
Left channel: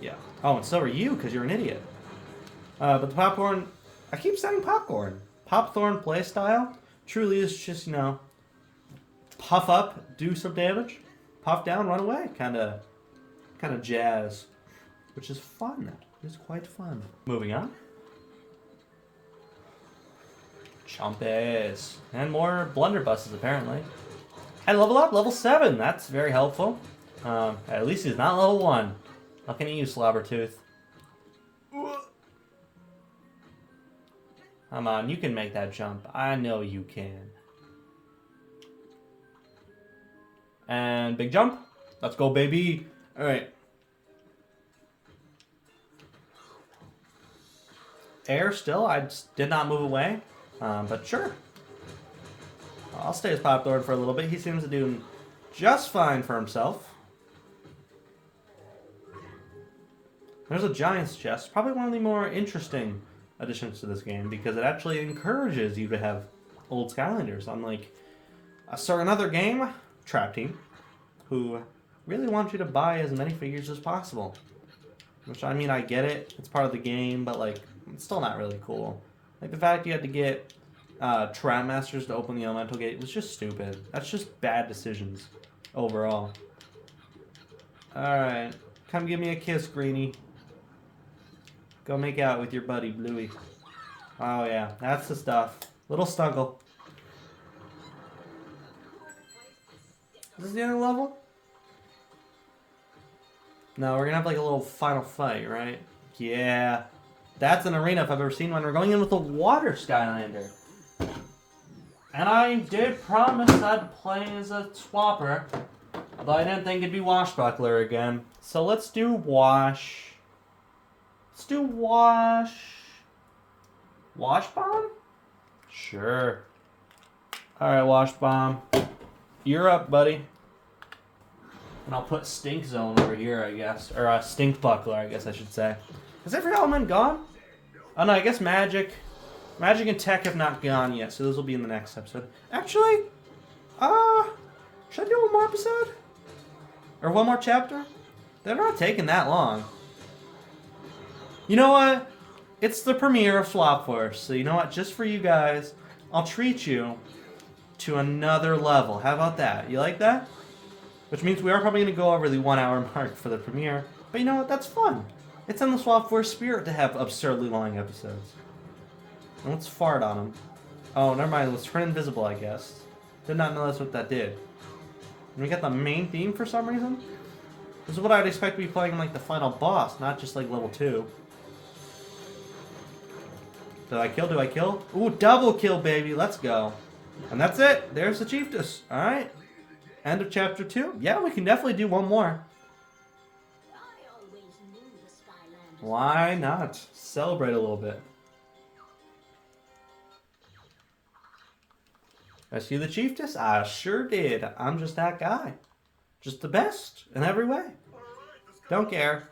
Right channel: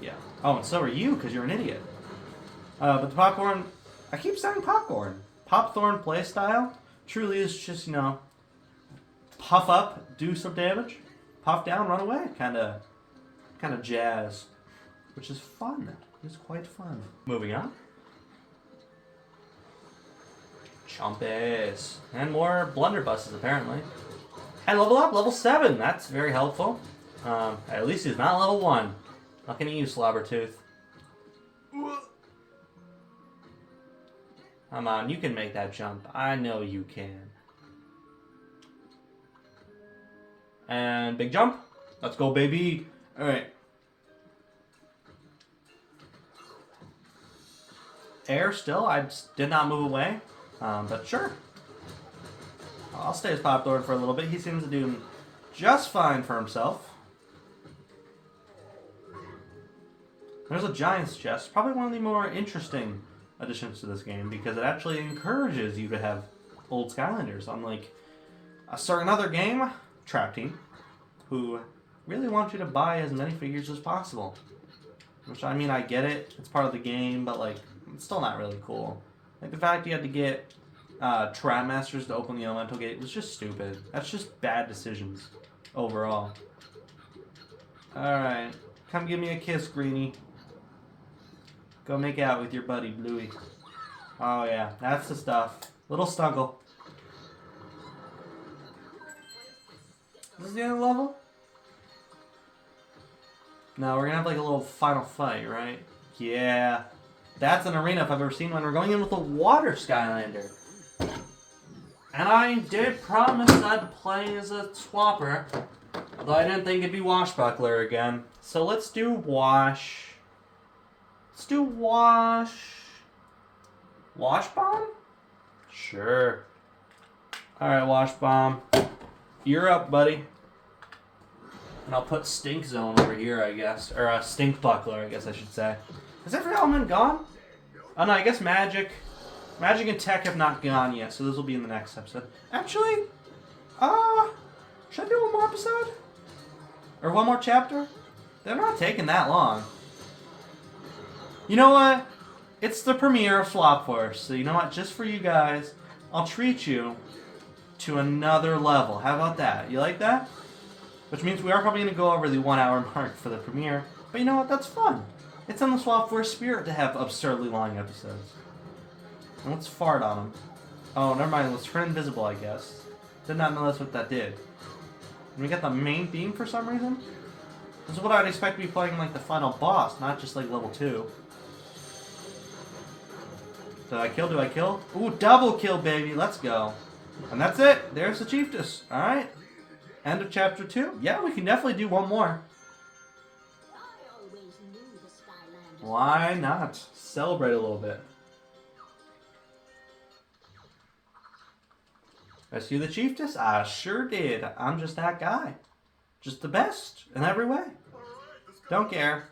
Yeah. Oh, and so are you, because you're an idiot. But the Popcorn... I keep saying Popcorn. Popthorn playstyle truly is just, you know, puff up, do some damage, puff down, run away. Kind of jazz. Which is fun. It's quite fun. Moving on. Chompies. And more blunderbusses, apparently. And level up, level 7. That's very helpful. At least he's not level 1. Looking at you, Slobbertooth. Come on, you can make that jump. I know you can. And big jump. Let's go, baby. Alright. Air still. I did not move away. But sure. I'll stay as Popthorn for a little bit. He seems to do just fine for himself. There's a Giant's Chest. Probably one of the more interesting additions to this game because it actually encourages you to have old Skylanders. Unlike a certain other game, Trap Team, who really want you to buy as many figures as possible. Which, I mean, I get it. It's part of the game, but, like, it's still not really cool. Like, the fact you had to get Trap Masters to open the Elemental Gate was just stupid. That's just bad decisions overall. Alright. Come give me a kiss, Greenie. Go make out with your buddy, Bluey. Oh, yeah. That's the stuff. Little Snuggle. Is this the other level? No, we're gonna have like a little final fight, right? Yeah. That's an arena if I've ever seen one. We're going in with a water Skylander. And I did promise I'd play as a swapper. Although I didn't think it'd be Washbuckler again. So let's do Wash. Let's do Wash. Wash Bomb? Sure. Alright, Wash Bomb. You're up, buddy. And I'll put Stink Zone over here, I guess. Or Stink Buckler, I guess I should say. Is every element gone? Oh no, I guess Magic and Tech have not gone yet, so those will be in the next episode. Actually, should I do one more episode? Or one more chapter? They're not taking that long. You know what? It's the premiere of Swap Force, so you know what? Just for you guys, I'll treat you to another level. How about that? You like that? Which means we are probably going to go over the 1 hour mark for the premiere. But you know what? That's fun. It's in the Swap Force spirit to have absurdly long episodes. And let's fart on them. Oh, never mind. Let's turn invisible, I guess. Did not know that's what that did. And we got the main theme for some reason. This is what I'd expect to be playing like the final boss, not just like level 2. Did I kill? Do I kill? Ooh, double kill, baby. Let's go. And that's it. There's the Chiefess. Alright. End of chapter 2. Yeah, we can definitely do one more. I always knew the Skylanders Why not? Celebrate a little bit. Rescue the chiefess? I sure did. I'm just that guy. Just the best in every way. Don't care.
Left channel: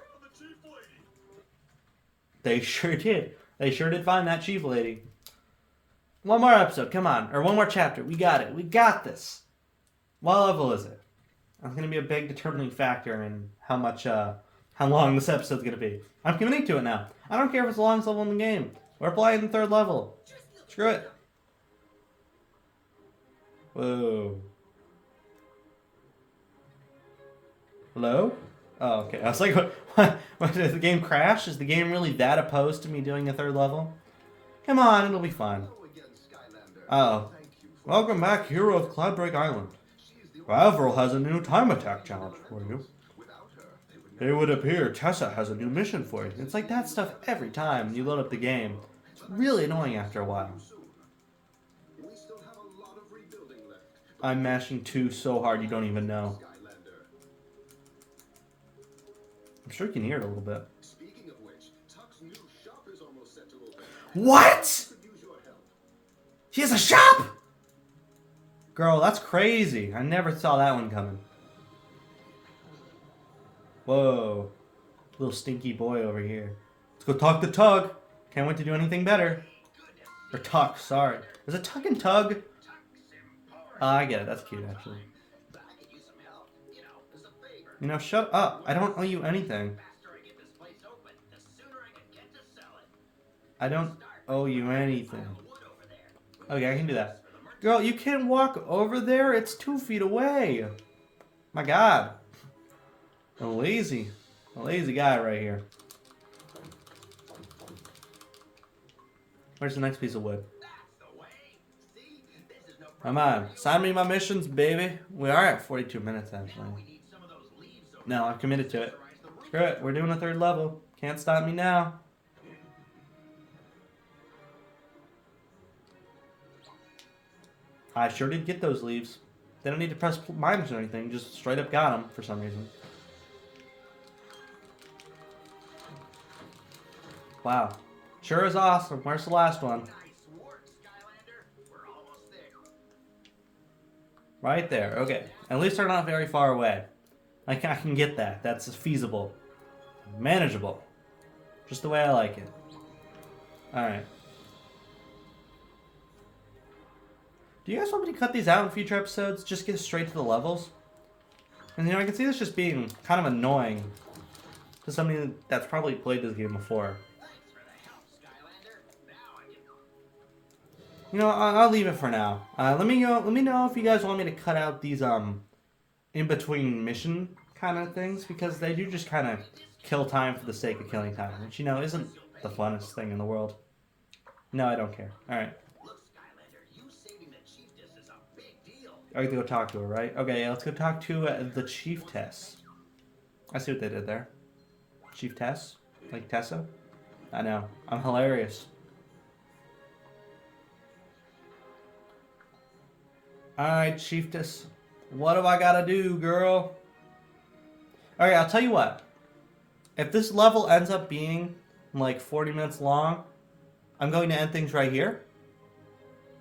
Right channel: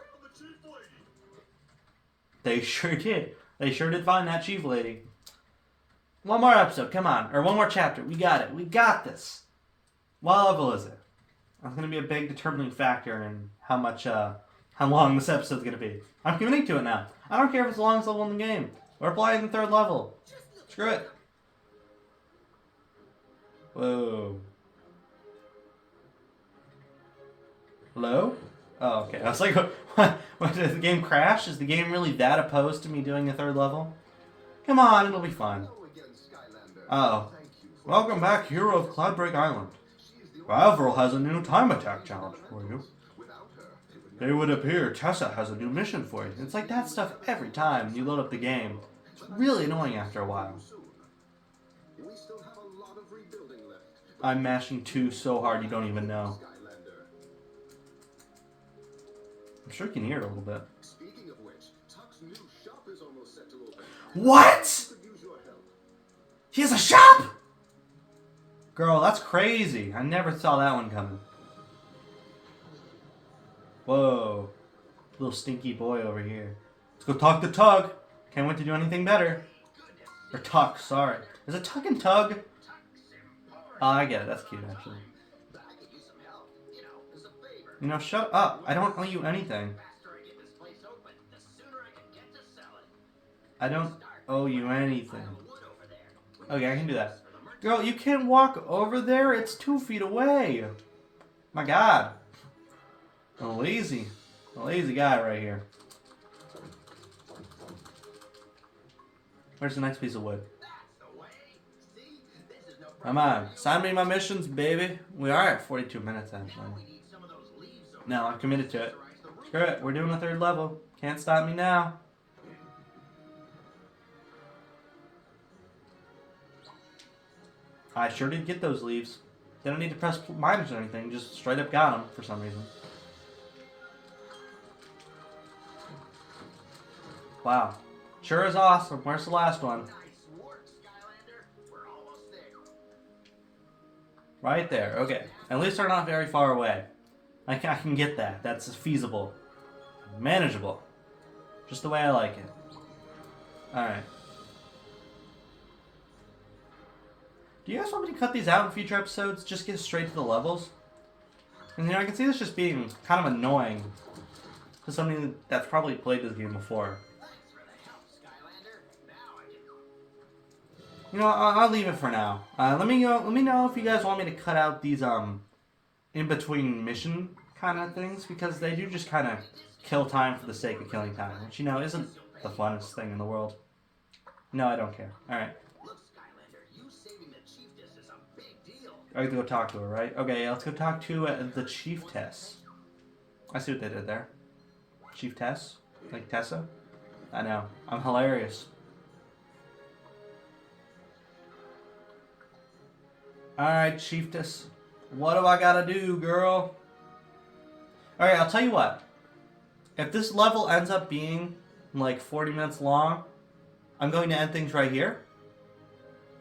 They sure did. They sure did find that chief lady. One more episode, come on. Or one more chapter. We got it. We got this. What level is it? That's going to be a big determining factor in how long this episode's going to be. I'm committing to it now. I don't care if it's the longest level in the game. We're playing the 3rd level. Screw it. Whoa. Hello? Oh, okay. I was like, what, did the game crash? Is the game really that opposed to me doing a 3rd level? Come on, it'll be fun. Uh-oh. Welcome back, hero of Cloudbreak Island. Avril has a new time attack challenge for you. It would appear Tessa has a new mission for you. It's like that stuff every time you load up the game. It's really annoying after a while. I'm mashing 2 so hard you don't even know. I'm sure you can hear it a little bit. What? He has a shop? Girl, that's crazy. I never saw that one coming. Whoa. Little stinky boy over here. Let's go talk to Tug. Can't wait to do anything better. Or Tuck, sorry. Is it Tuck and Tug? Oh, I get it. That's cute, actually. You know, shut up. I don't owe you anything. I don't owe you anything. Okay, I can do that. Girl, you can't walk over there. It's 2 feet away. My God. A lazy guy right here. Where's the next piece of wood? Come on, sign me my missions, baby. We are at 42 minutes, actually. No, I'm committed to it. Screw it, we're doing a 3rd level. Can't stop me now. I sure did get those leaves. They don't need to press minus or anything, just straight up got them for some reason. Wow. Sure is awesome. Where's the last one? Nice work, Skylander. We're almost there. Right there. Okay. At least they're not very far away. I can get that. That's feasible. Manageable. Just the way I like it. Alright. Do you guys want me to cut these out in future episodes? Just get straight to the levels? And you know, I can see this just being kind of annoying to somebody that's probably played this game before. You know, I'll leave it for now. Let me know if you guys want me to cut out these in between mission kind of things, because they do just kind of kill time for the sake of killing time, which, you know, isn't the funnest thing in the world. No, I don't care. All right. Look, Skylander, you saving the chiefess is a big deal. I have to go talk to her, right? Okay, yeah, let's go talk to the chiefess. I see what they did there. Chiefess? Like Tessa? I know. I'm hilarious. Alright, chiefess. What have I got to do, girl? Alright, I'll tell you what. If this level ends up being like 40 minutes long, I'm going to end things right here.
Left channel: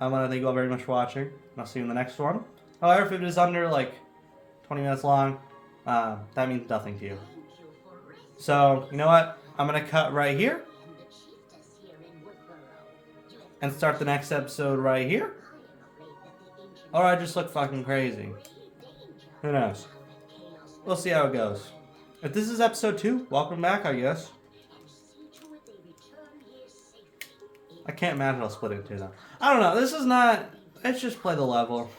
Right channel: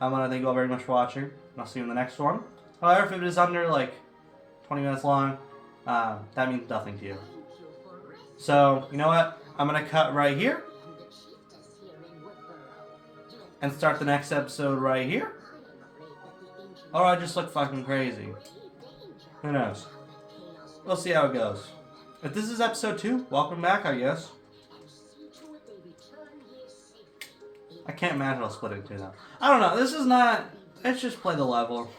I want to thank you all very much for watching, and I'll see you in the next one. However, if it is under like 20 minutes long, that means nothing to you. So, you know what? I'm going to cut right here and start the next episode right here. Or I just look fucking crazy. Who knows? We'll see how it goes. If this is episode 2, welcome back, I guess. I can't imagine I'll split it in 2 though. I don't know, this is not... Let's just play the level.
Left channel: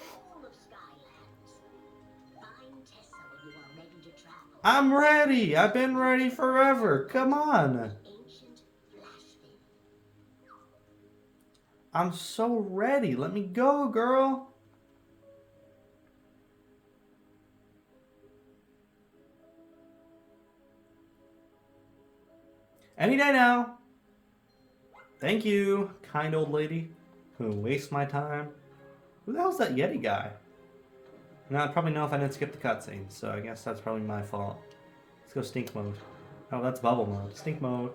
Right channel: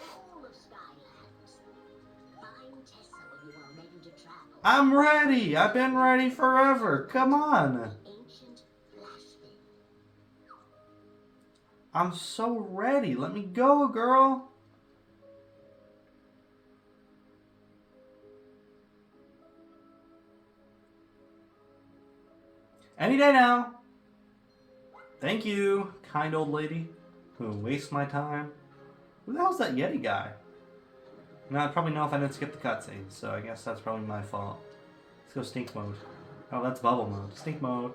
I'm ready! I've been ready forever! Come on! I'm so ready! Let me go, girl! Any day now! Thank you, kind old lady who wastes my time. Who the hell's that Yeti guy? Now, I'd probably know if I didn't skip the cutscene, so I guess that's probably my fault. Let's go stink mode. Oh, that's bubble mode. Stink mode.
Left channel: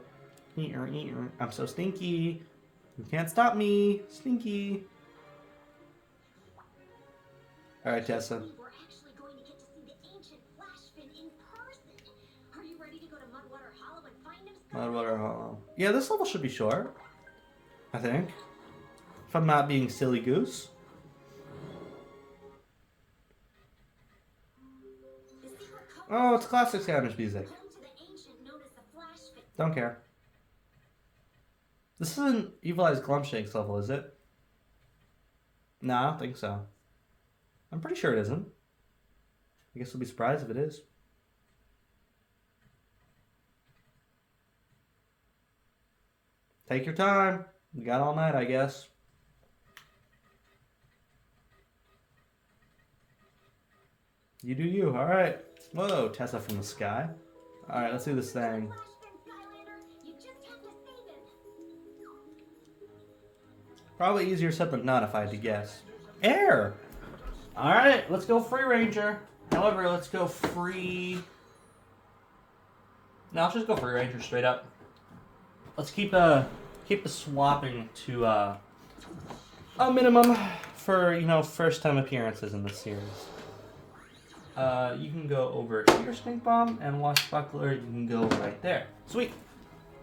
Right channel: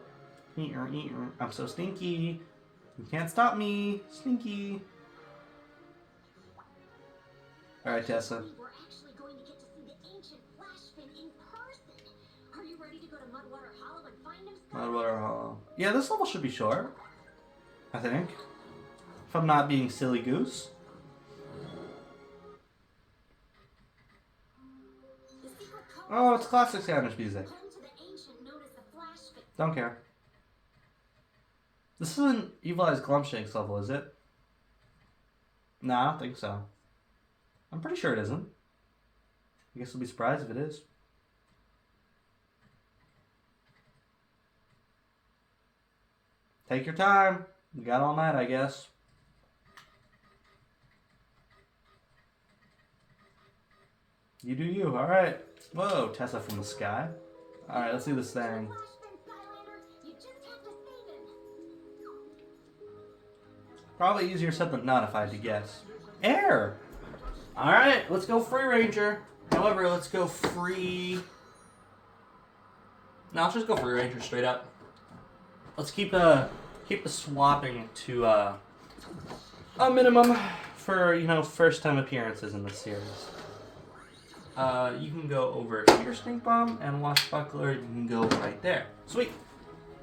I'm so stinky. You can't stop me. Stinky. Alright, Tessa. We're actually going to get to see the ancient Flashfin in person. Are you ready to go to Mudwater Hollow and find him, Sky? Mudwater Hollow. Yeah, this level should be short. I think. If I'm not being silly goose. The secret code Oh, it's classic Skylanders music. home to the ancient known as the Flashfin. Don't care. This isn't Evil Eyes Glumpshake's level, is it? No, I don't think so. I'm pretty sure it isn't. I guess I'll be surprised if it is. Take your time. We got all night, I guess. You do you. Alright. Whoa, Tessa from the sky. Alright, let's do this thing. Flashfin, Skylander. You just have to save him. Probably easier said than not if I had to guess. Air! Alright, let's go Free Ranger. However, let's go free... No, let's just go Free Ranger straight up. Let's keep the swapping to a minimum for, you know, first time appearances in this series. You can go over here, Stink Bomb, and Washbuckler, you can go right there. Sweet!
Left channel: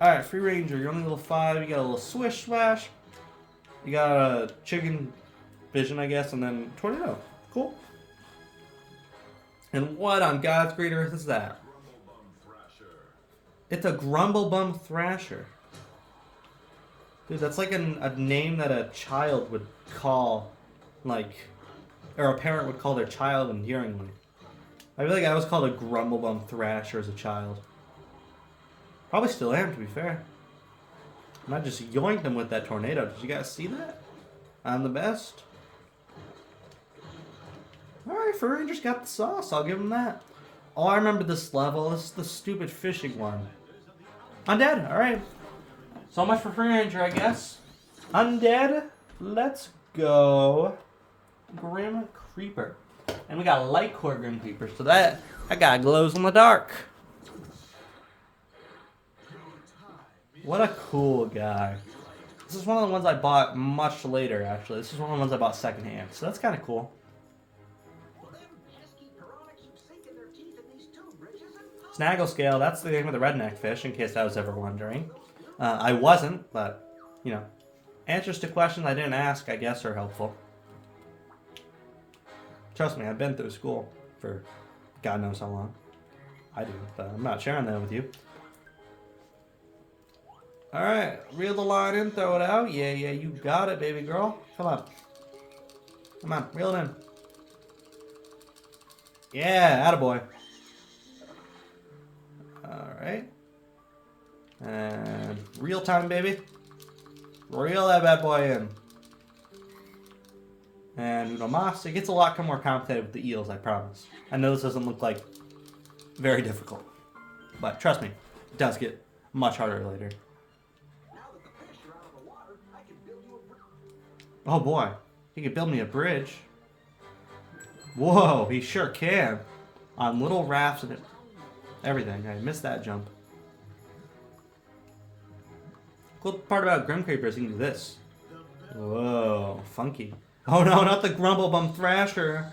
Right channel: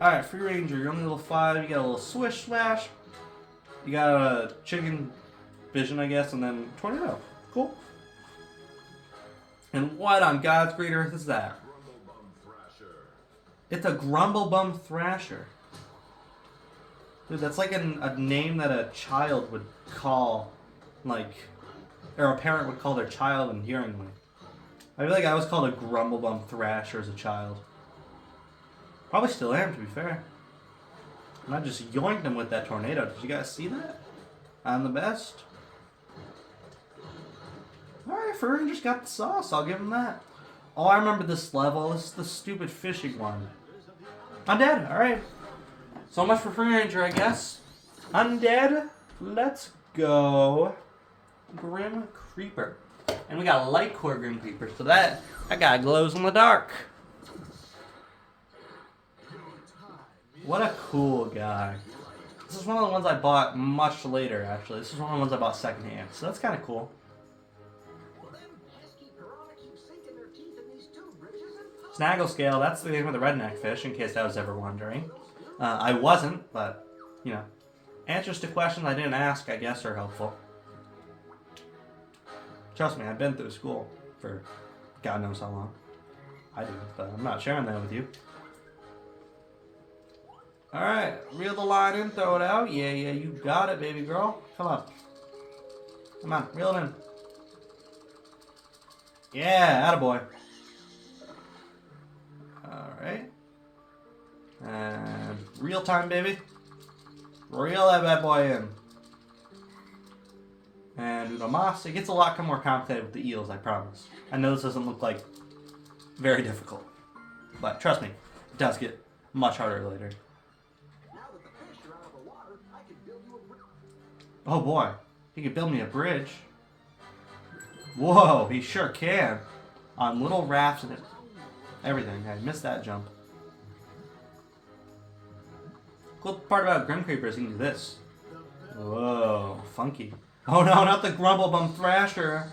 Alright, Free Ranger, you're only level 5, you got a little Swish Slash, you got a Chicken Vision, I guess, and then Tornado. Cool. And what on God's great earth is that? Grumblebum Thrasher. It's a Grumblebum Thrasher. Dude, that's like a name that a child would call, like, or a parent would call their child endearingly. I feel like I was called a Grumblebum Thrasher as a child. Probably still am, to be fair. And I just yoinked him with that tornado. Did you guys see that? I'm the best. Alright, Fur Ranger's got the sauce. I'll give him that. Oh, I remember this level. This is the stupid fishing one. Undead. Alright. So much for Free Ranger, I guess. Undead. Let's go. Grim Creeper. And we got a light core Grim Creeper. So that guy glows in the dark. What a cool guy. This is one of the ones I bought much later, actually. This is one of the ones I bought secondhand. So that's kind of cool. Well, them pesky piranha keep sinking their teeth in these tube bridges and Snaggle Scale, that's the name of the redneck fish, in case I was ever wondering. I wasn't, but, you know. Answers to questions I didn't ask, I guess, are helpful. Trust me, I've been through school for God knows how long. I do, but I'm not sharing that with you. Alright, reel the line in, throw it out. Yeah, you got it, baby girl. Come on. Come on, reel it in. Yeah, attaboy. Alright. And real time, baby. Reel that bad boy in. And Uno Mas. It gets a lot more complicated with the eels, I promise. I know this doesn't look like very difficult. But trust me, it does get much harder later. now that the fish are out of the water, I can build you a bridge. Oh boy, he could build me a bridge. Whoa, he sure can. On little rafts and everything. I missed that jump. Cool part about Grim Creeper is you can do this. Whoa, funky. Oh no, not the Grumblebum Thrasher.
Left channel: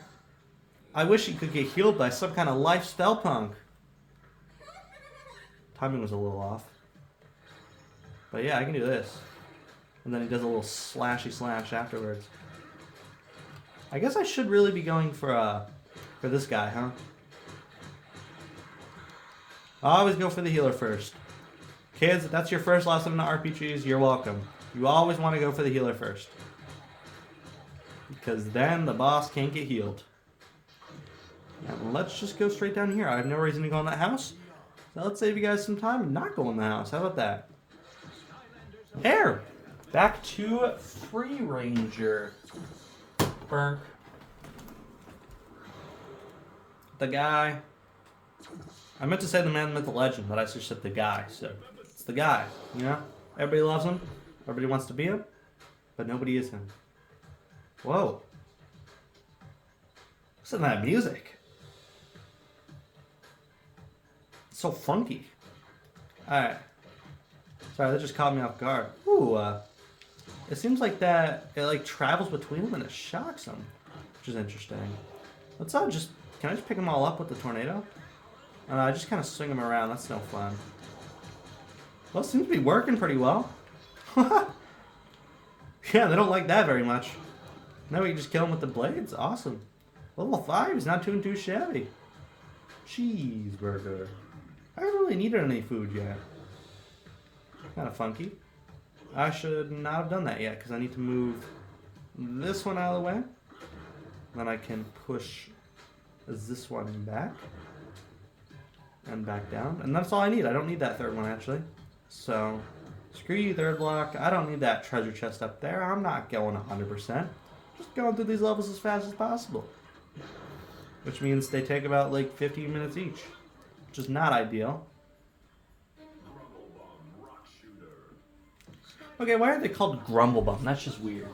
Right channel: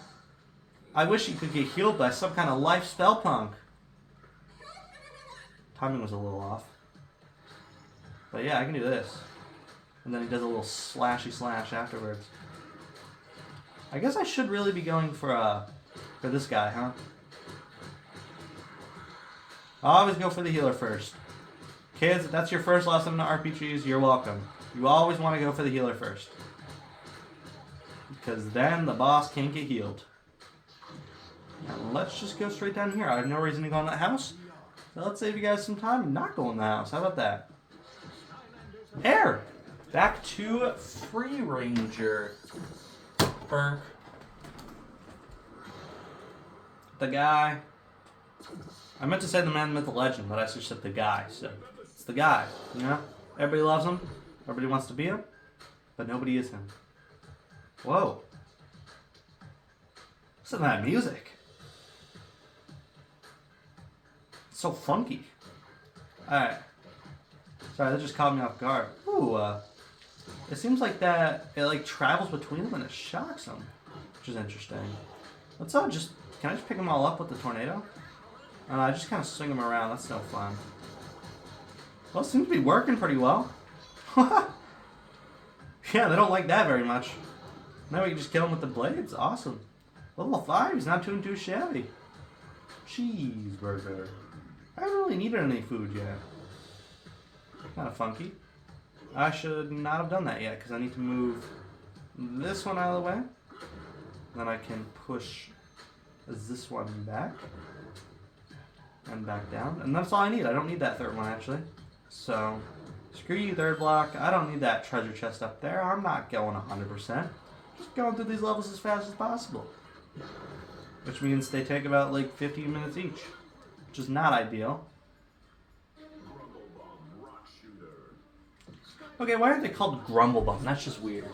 I wish he could get healed by some kind of life spell punk. Timing was a little off. But yeah, I can do this. And then he does a little slashy slash afterwards. I guess I should really be going for this guy, huh? I always go for the healer first. Kids, if that's your first lesson in RPGs, you're welcome. You always want to go for the healer first. Because then the boss can't get healed. Now, let's just go straight down here. I have no reason to go in that house. So let's save you guys some time and not go in the house. How about that? Air! Back to Free Ranger. Burn. The guy. I meant to say the man, myth, the legend, but I just said the guy. So it's the guy, you know? Everybody loves him. Everybody wants to be him. But nobody is him. Whoa. Listen to that music. It's so funky. Alright. Sorry, that just caught me off guard. Ooh, it seems like that it like travels between them and it shocks them, which is interesting. Let's just, can I just pick them all up with the tornado? I just kind of swing them around. That's no fun. Well, it seems to be working pretty well. Yeah, they don't like that very much. Now we can just kill them with the blades. Awesome. Level 5 is not too shabby. Cheeseburger. I haven't really needed any food yet. Kind of funky. I should not have done that yet because I need to move this one out of the way. Then I can push this one back. And back down. And that's all I need. I don't need that third one actually. So, screw you third block. I don't need that treasure chest up there. I'm not going 100%. Just going through these levels as fast as possible. Which means they take about like 15 minutes each. Which is not ideal. Okay, why are they called Grumble Bum? That's just weird.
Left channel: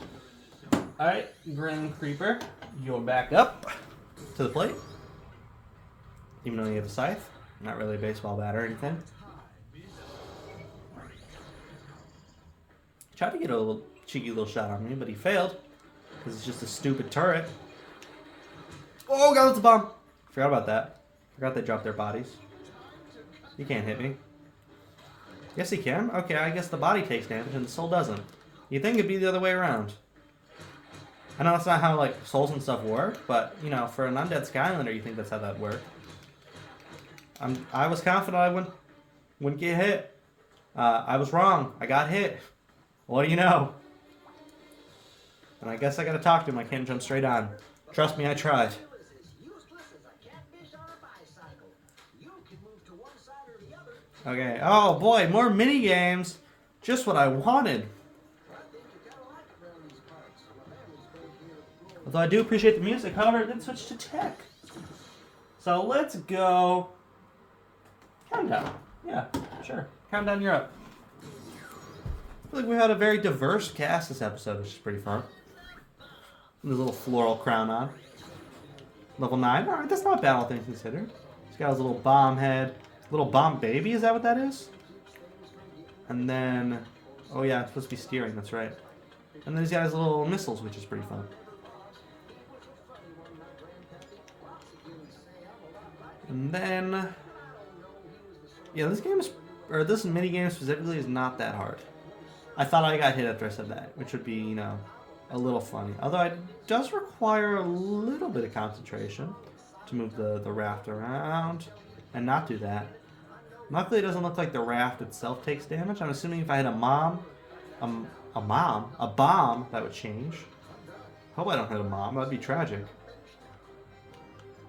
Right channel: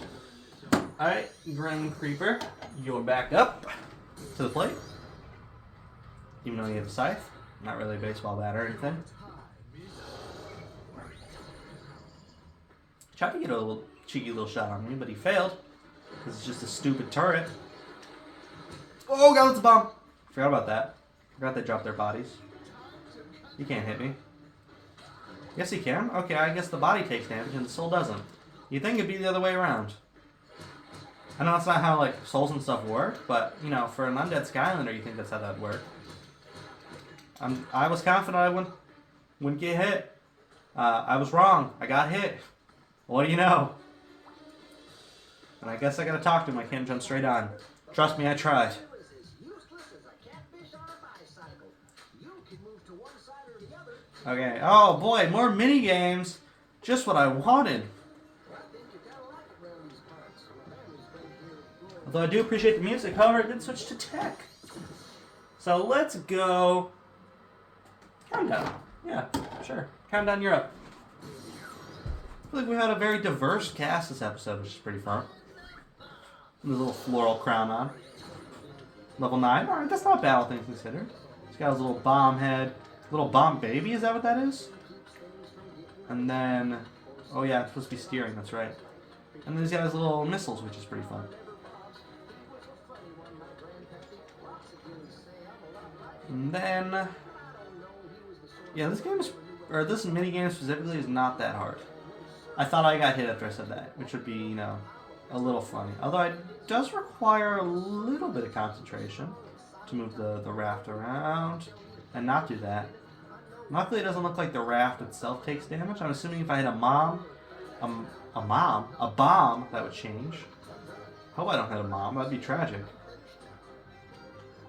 Alright, Grim Creeper, you're back up to the plate. Even though you have a scythe. Not really a baseball bat or anything. Tried to get a little cheeky little shot on me, but he failed. Because it's just a stupid turret. Oh god, it's a bomb! Forgot about that. Forgot they dropped their bodies. He can't hit me. Yes, he can. Okay, I guess the body takes damage and the soul doesn't. You'd think it'd be the other way around. I know that's not how like souls and stuff work, but you know, for an undead Skylander, you think that's how that worked. I was confident I wouldn't get hit. I was wrong. I got hit. What do you know? And I guess I gotta talk to him. I can't jump straight on. Trust me, I tried. Okay. Oh boy, more mini games. Just what I wanted. Although I do appreciate the music, however, it did switch to tech. So let's go. Countdown. Yeah, sure. Countdown, you're up. I feel like we had a very diverse cast this episode, which is pretty fun. With a little floral crown on. Level 9. Alright, that's not bad, all things considered. This guy's a little bomb head. Little bomb baby, is that what that is? And then, oh yeah, it's supposed to be steering, that's right. And then these guys little missiles, which is pretty fun. And then, yeah, this game is, or this mini game specifically is not that hard. I thought I got hit after I said that, which would be, you know, a little funny. Although it does require a little bit of concentration to move the raft around and not do that. Luckily, it doesn't look like the raft itself takes damage. I'm assuming if I hit a bomb, that would change. Hope I don't hit a bomb. That'd be tragic.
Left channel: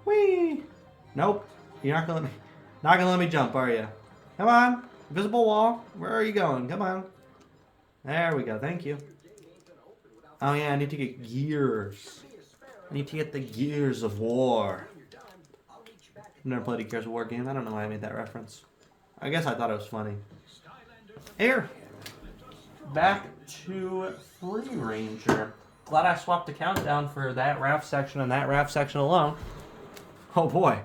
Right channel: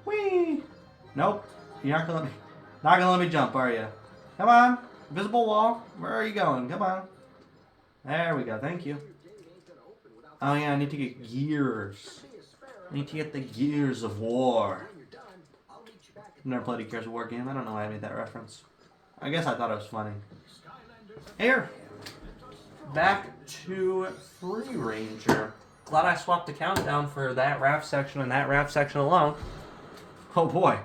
Whee! Nope. You're not gonna let me jump, are you? Come on, invisible wall. Where are you going? Come on. There we go. Thank you. Oh yeah, I need to get gears. I need to get the Gears of War. I've never played a Gears of War game. I don't know why I made that reference. I guess I thought it was funny. Here. Back to Free Ranger. Glad I swapped the countdown for that raft section and that raft section alone. Oh boy.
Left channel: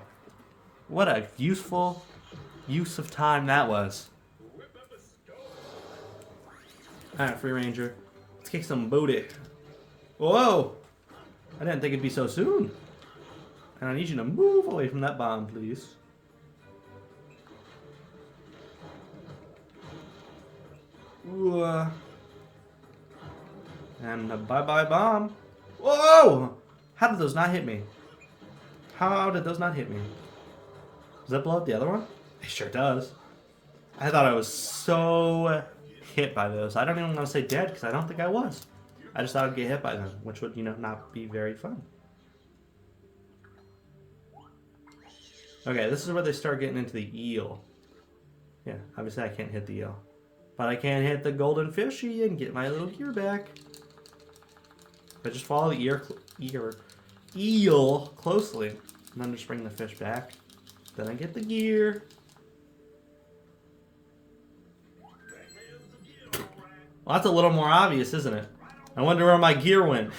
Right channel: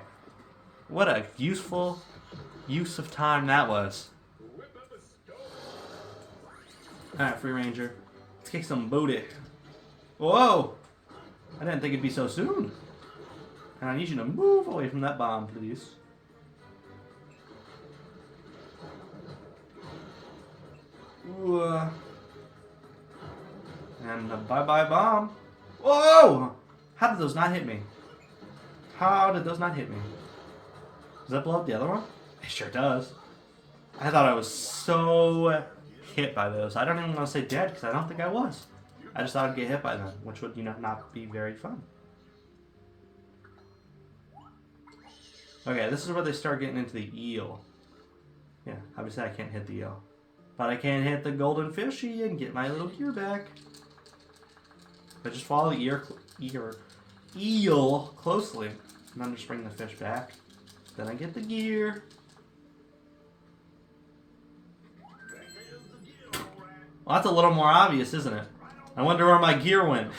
What a useful use of time that was. Alright, Free Ranger. Let's kick some booty. Whoa! I didn't think it'd be so soon. And I need you to move away from that bomb, please. Ooh. And bye-bye bomb. Whoa! How did those not hit me? How did those not hit me? Does that blow up the other one? It sure does. I thought I was so hit by those. I don't even want to say dead because I don't think I was. I just thought I'd get hit by them, which would, you know, not be very fun. Okay, this is where they start getting into the eel. Yeah, obviously I can't hit the eel. But I can hit the golden fishy and get my little gear back. If I just follow the eel closely, and then just bring the fish back. Then I get the gear. Well, that's a little more obvious, isn't it? I wonder where my gear went.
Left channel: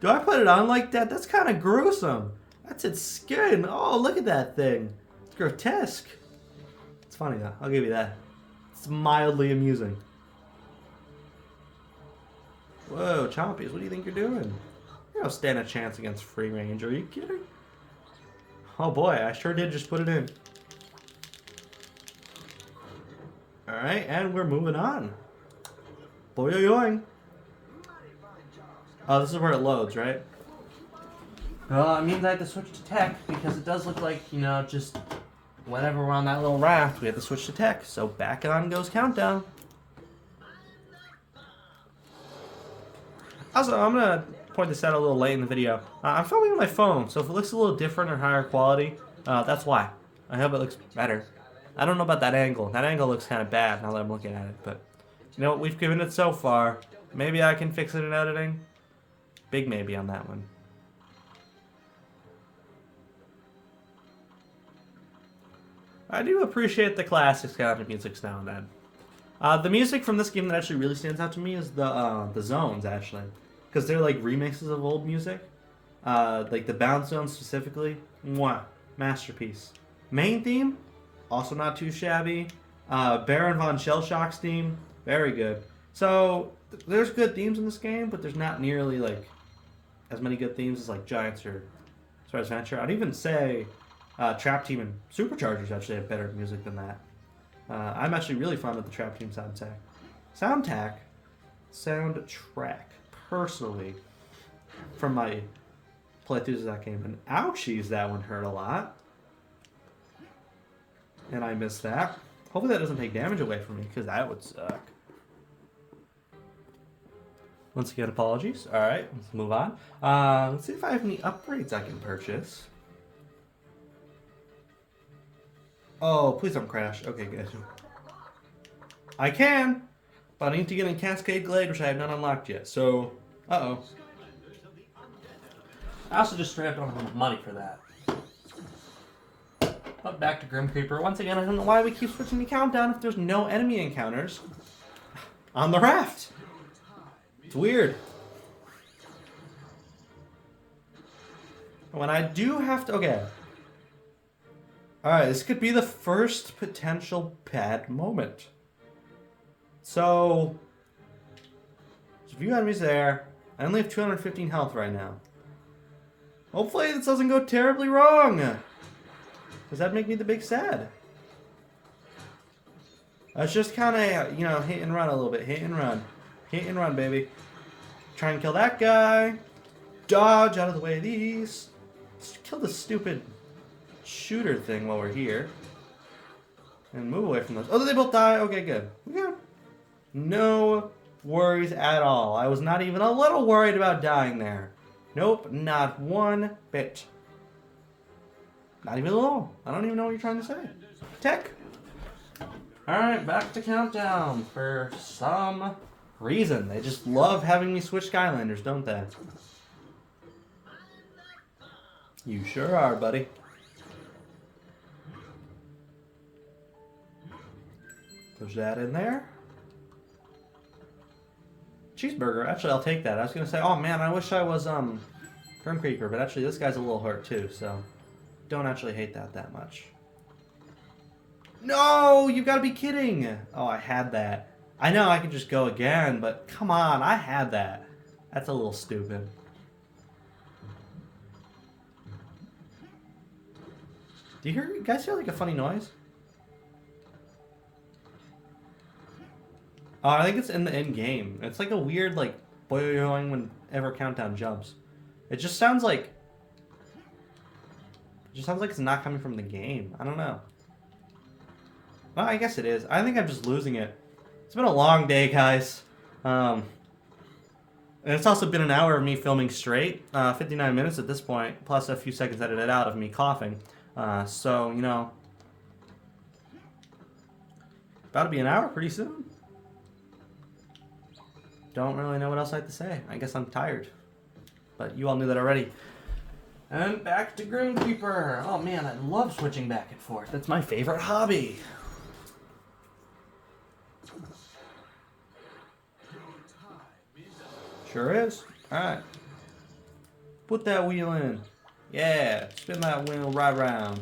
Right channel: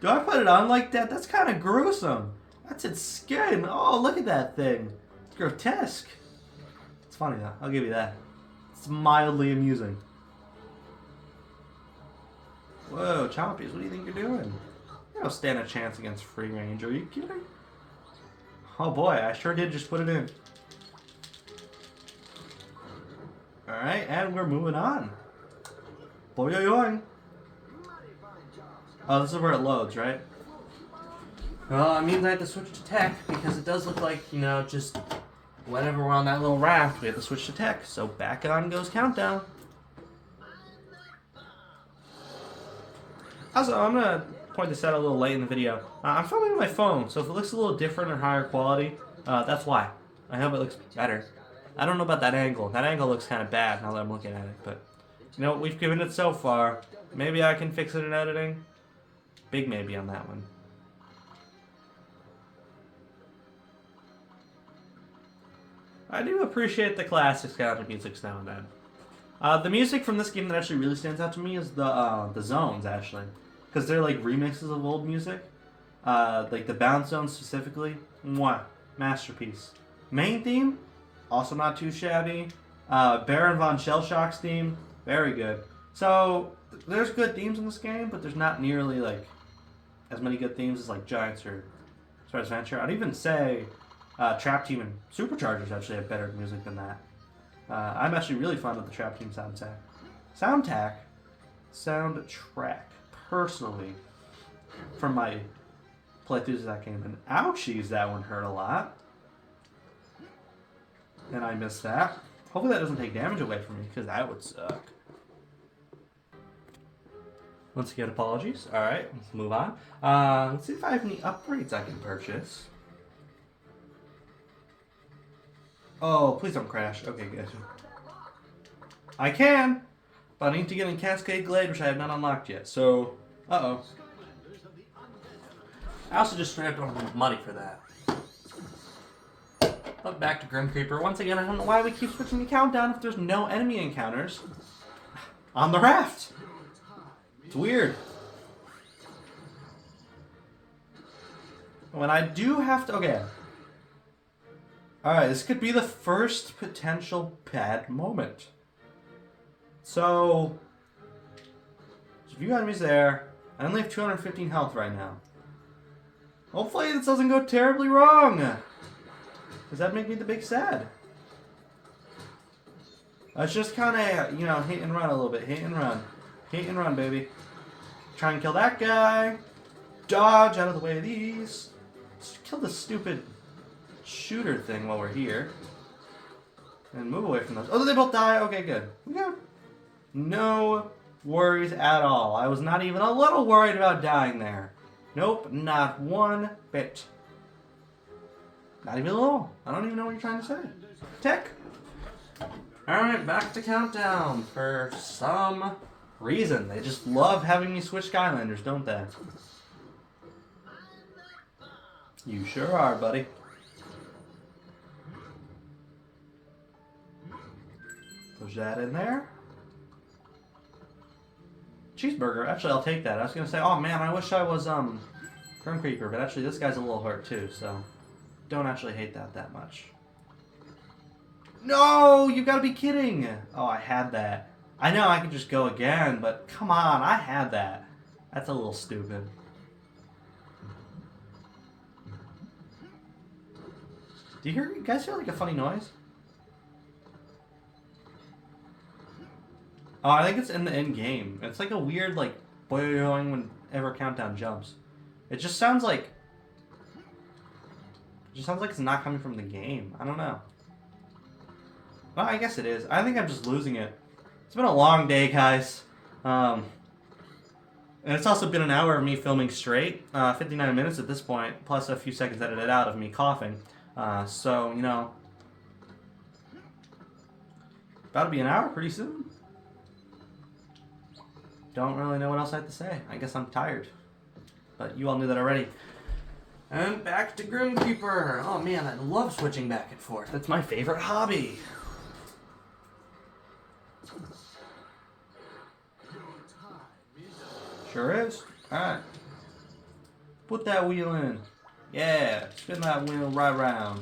Do I put it on like that? That's kind of gruesome. That's its skin. Oh, look at that thing. It's grotesque. It's funny though. I'll give you that. It's mildly amusing. Whoa, Chompies, what do you think you're doing? You don't stand a chance against free range. Are you kidding? Oh boy, I sure did just put it in. Alright, and we're moving on. Boing. Oh, this is where it loads, right? Well, it means I have to switch to tech because it does look like, you know, just whenever we're on that little raft, we have to switch to tech. So back on goes countdown. Also, I'm going to point this out a little late in the video. I'm filming with my phone, so if it looks a little different or higher quality, that's why. I hope it looks better. I don't know about that angle. That angle looks kind of bad now that I'm looking at it, but you know, we've given it so far. Maybe I can fix it in editing. Big maybe on that one. I do appreciate the classic Skylander music now and then. The music from this game that actually really stands out to me is the zones, actually. Because they're like remixes of old music. Like the bounce zones specifically. Mwah. Masterpiece. Main theme, also not too shabby. Baron von Shellshock's theme, very good. So there's good themes in this game, but there's not nearly like as many good themes as like Giants or Star Adventure. I'd even say Trap Team and Superchargers actually have better music than that. I'm actually really fond of the Trap Team soundtrack, personally, from my playthroughs of that game. And ouchies, that one hurt a lot. And I missed that. Hopefully that doesn't take damage away from me, because that would suck. Once again, apologies. Alright, let's move on. Let's see if I have any upgrades I can purchase. Oh, please don't crash. Okay, good. I can, but I need to get in Cascade Glade, which I have not unlocked yet. So, uh-oh. I also just straight up don't have money for that. But back to Grim Creeper. Once again, I don't know why we keep switching the countdown if there's no enemy encounters on the raft. It's weird. When I do have to... Okay. Alright, this could be the first potential bad moment. So... There's a few enemies there. I only have 215 health right now. Hopefully this doesn't go terribly wrong. Does that make me the big sad? Let's just kind of, you know, hit and run a little bit. Hit and run. Hit and run, baby. Try and kill that guy. Dodge out of the way of these. Let's kill the stupid shooter thing while we're here. And move away from those. Oh, did they both die? Okay, good. Good. No worries at all. I was not even a little worried about dying there. Nope, not one bit. Not even a little. I don't even know what you're trying to say. Tech. Alright, back to countdown. For some reason. They just love having me switch Skylanders, don't they? You sure are, buddy. Push that in there. Cheeseburger. Actually, I'll take that. I was going to say, oh man, I wish I was Grim Creeper, but actually this guy's a little hurt too, so don't actually hate that much. No, you gotta be kidding. Oh, I had that. I know I could just go again, but come on, I had that. That's a little stupid. Do you guys hear like a funny noise? Oh, I think it's in the end game. It's like a weird like boing whenever countdown jumps. It just sounds like it's not coming from the game. I don't know. Well, I guess it is. I think I'm just losing it. It's been a long day, guys. And it's also been an hour of me filming straight. 59 minutes at this point, plus a few seconds edited out of me coughing. So, you know, about to be an hour pretty soon. Don't really know what else I have to say. I guess I'm tired. But you all knew that already. And back to Grim Creeper. Oh man, I love switching back and forth. That's my favorite hobby. Sure is. Alright. Put that wheel in. Yeah, spin that wheel right round.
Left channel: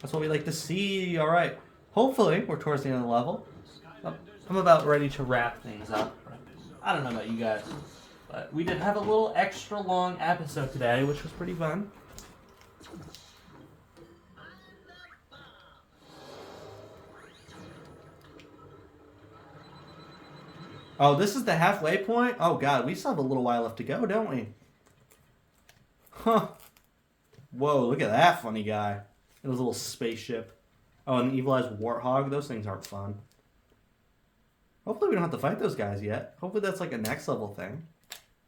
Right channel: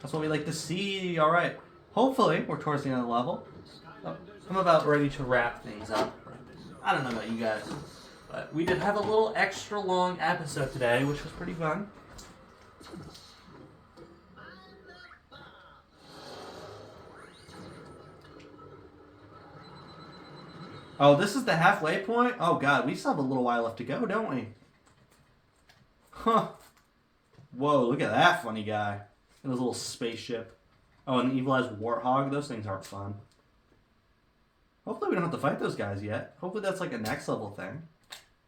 That's what we like to see. Alright. hopefully, we're towards the end of the level. I'm about ready to wrap things up. I don't know about you guys, but we did have a little extra long episode today, which was pretty fun. Oh, this is the halfway point? Oh god, we still have a little while left to go, don't we? Huh. Whoa, look at that funny guy. And his little spaceship. Oh, and the evilized warthog. Those things aren't fun. Hopefully we don't have to fight those guys yet. Hopefully that's like a next level thing.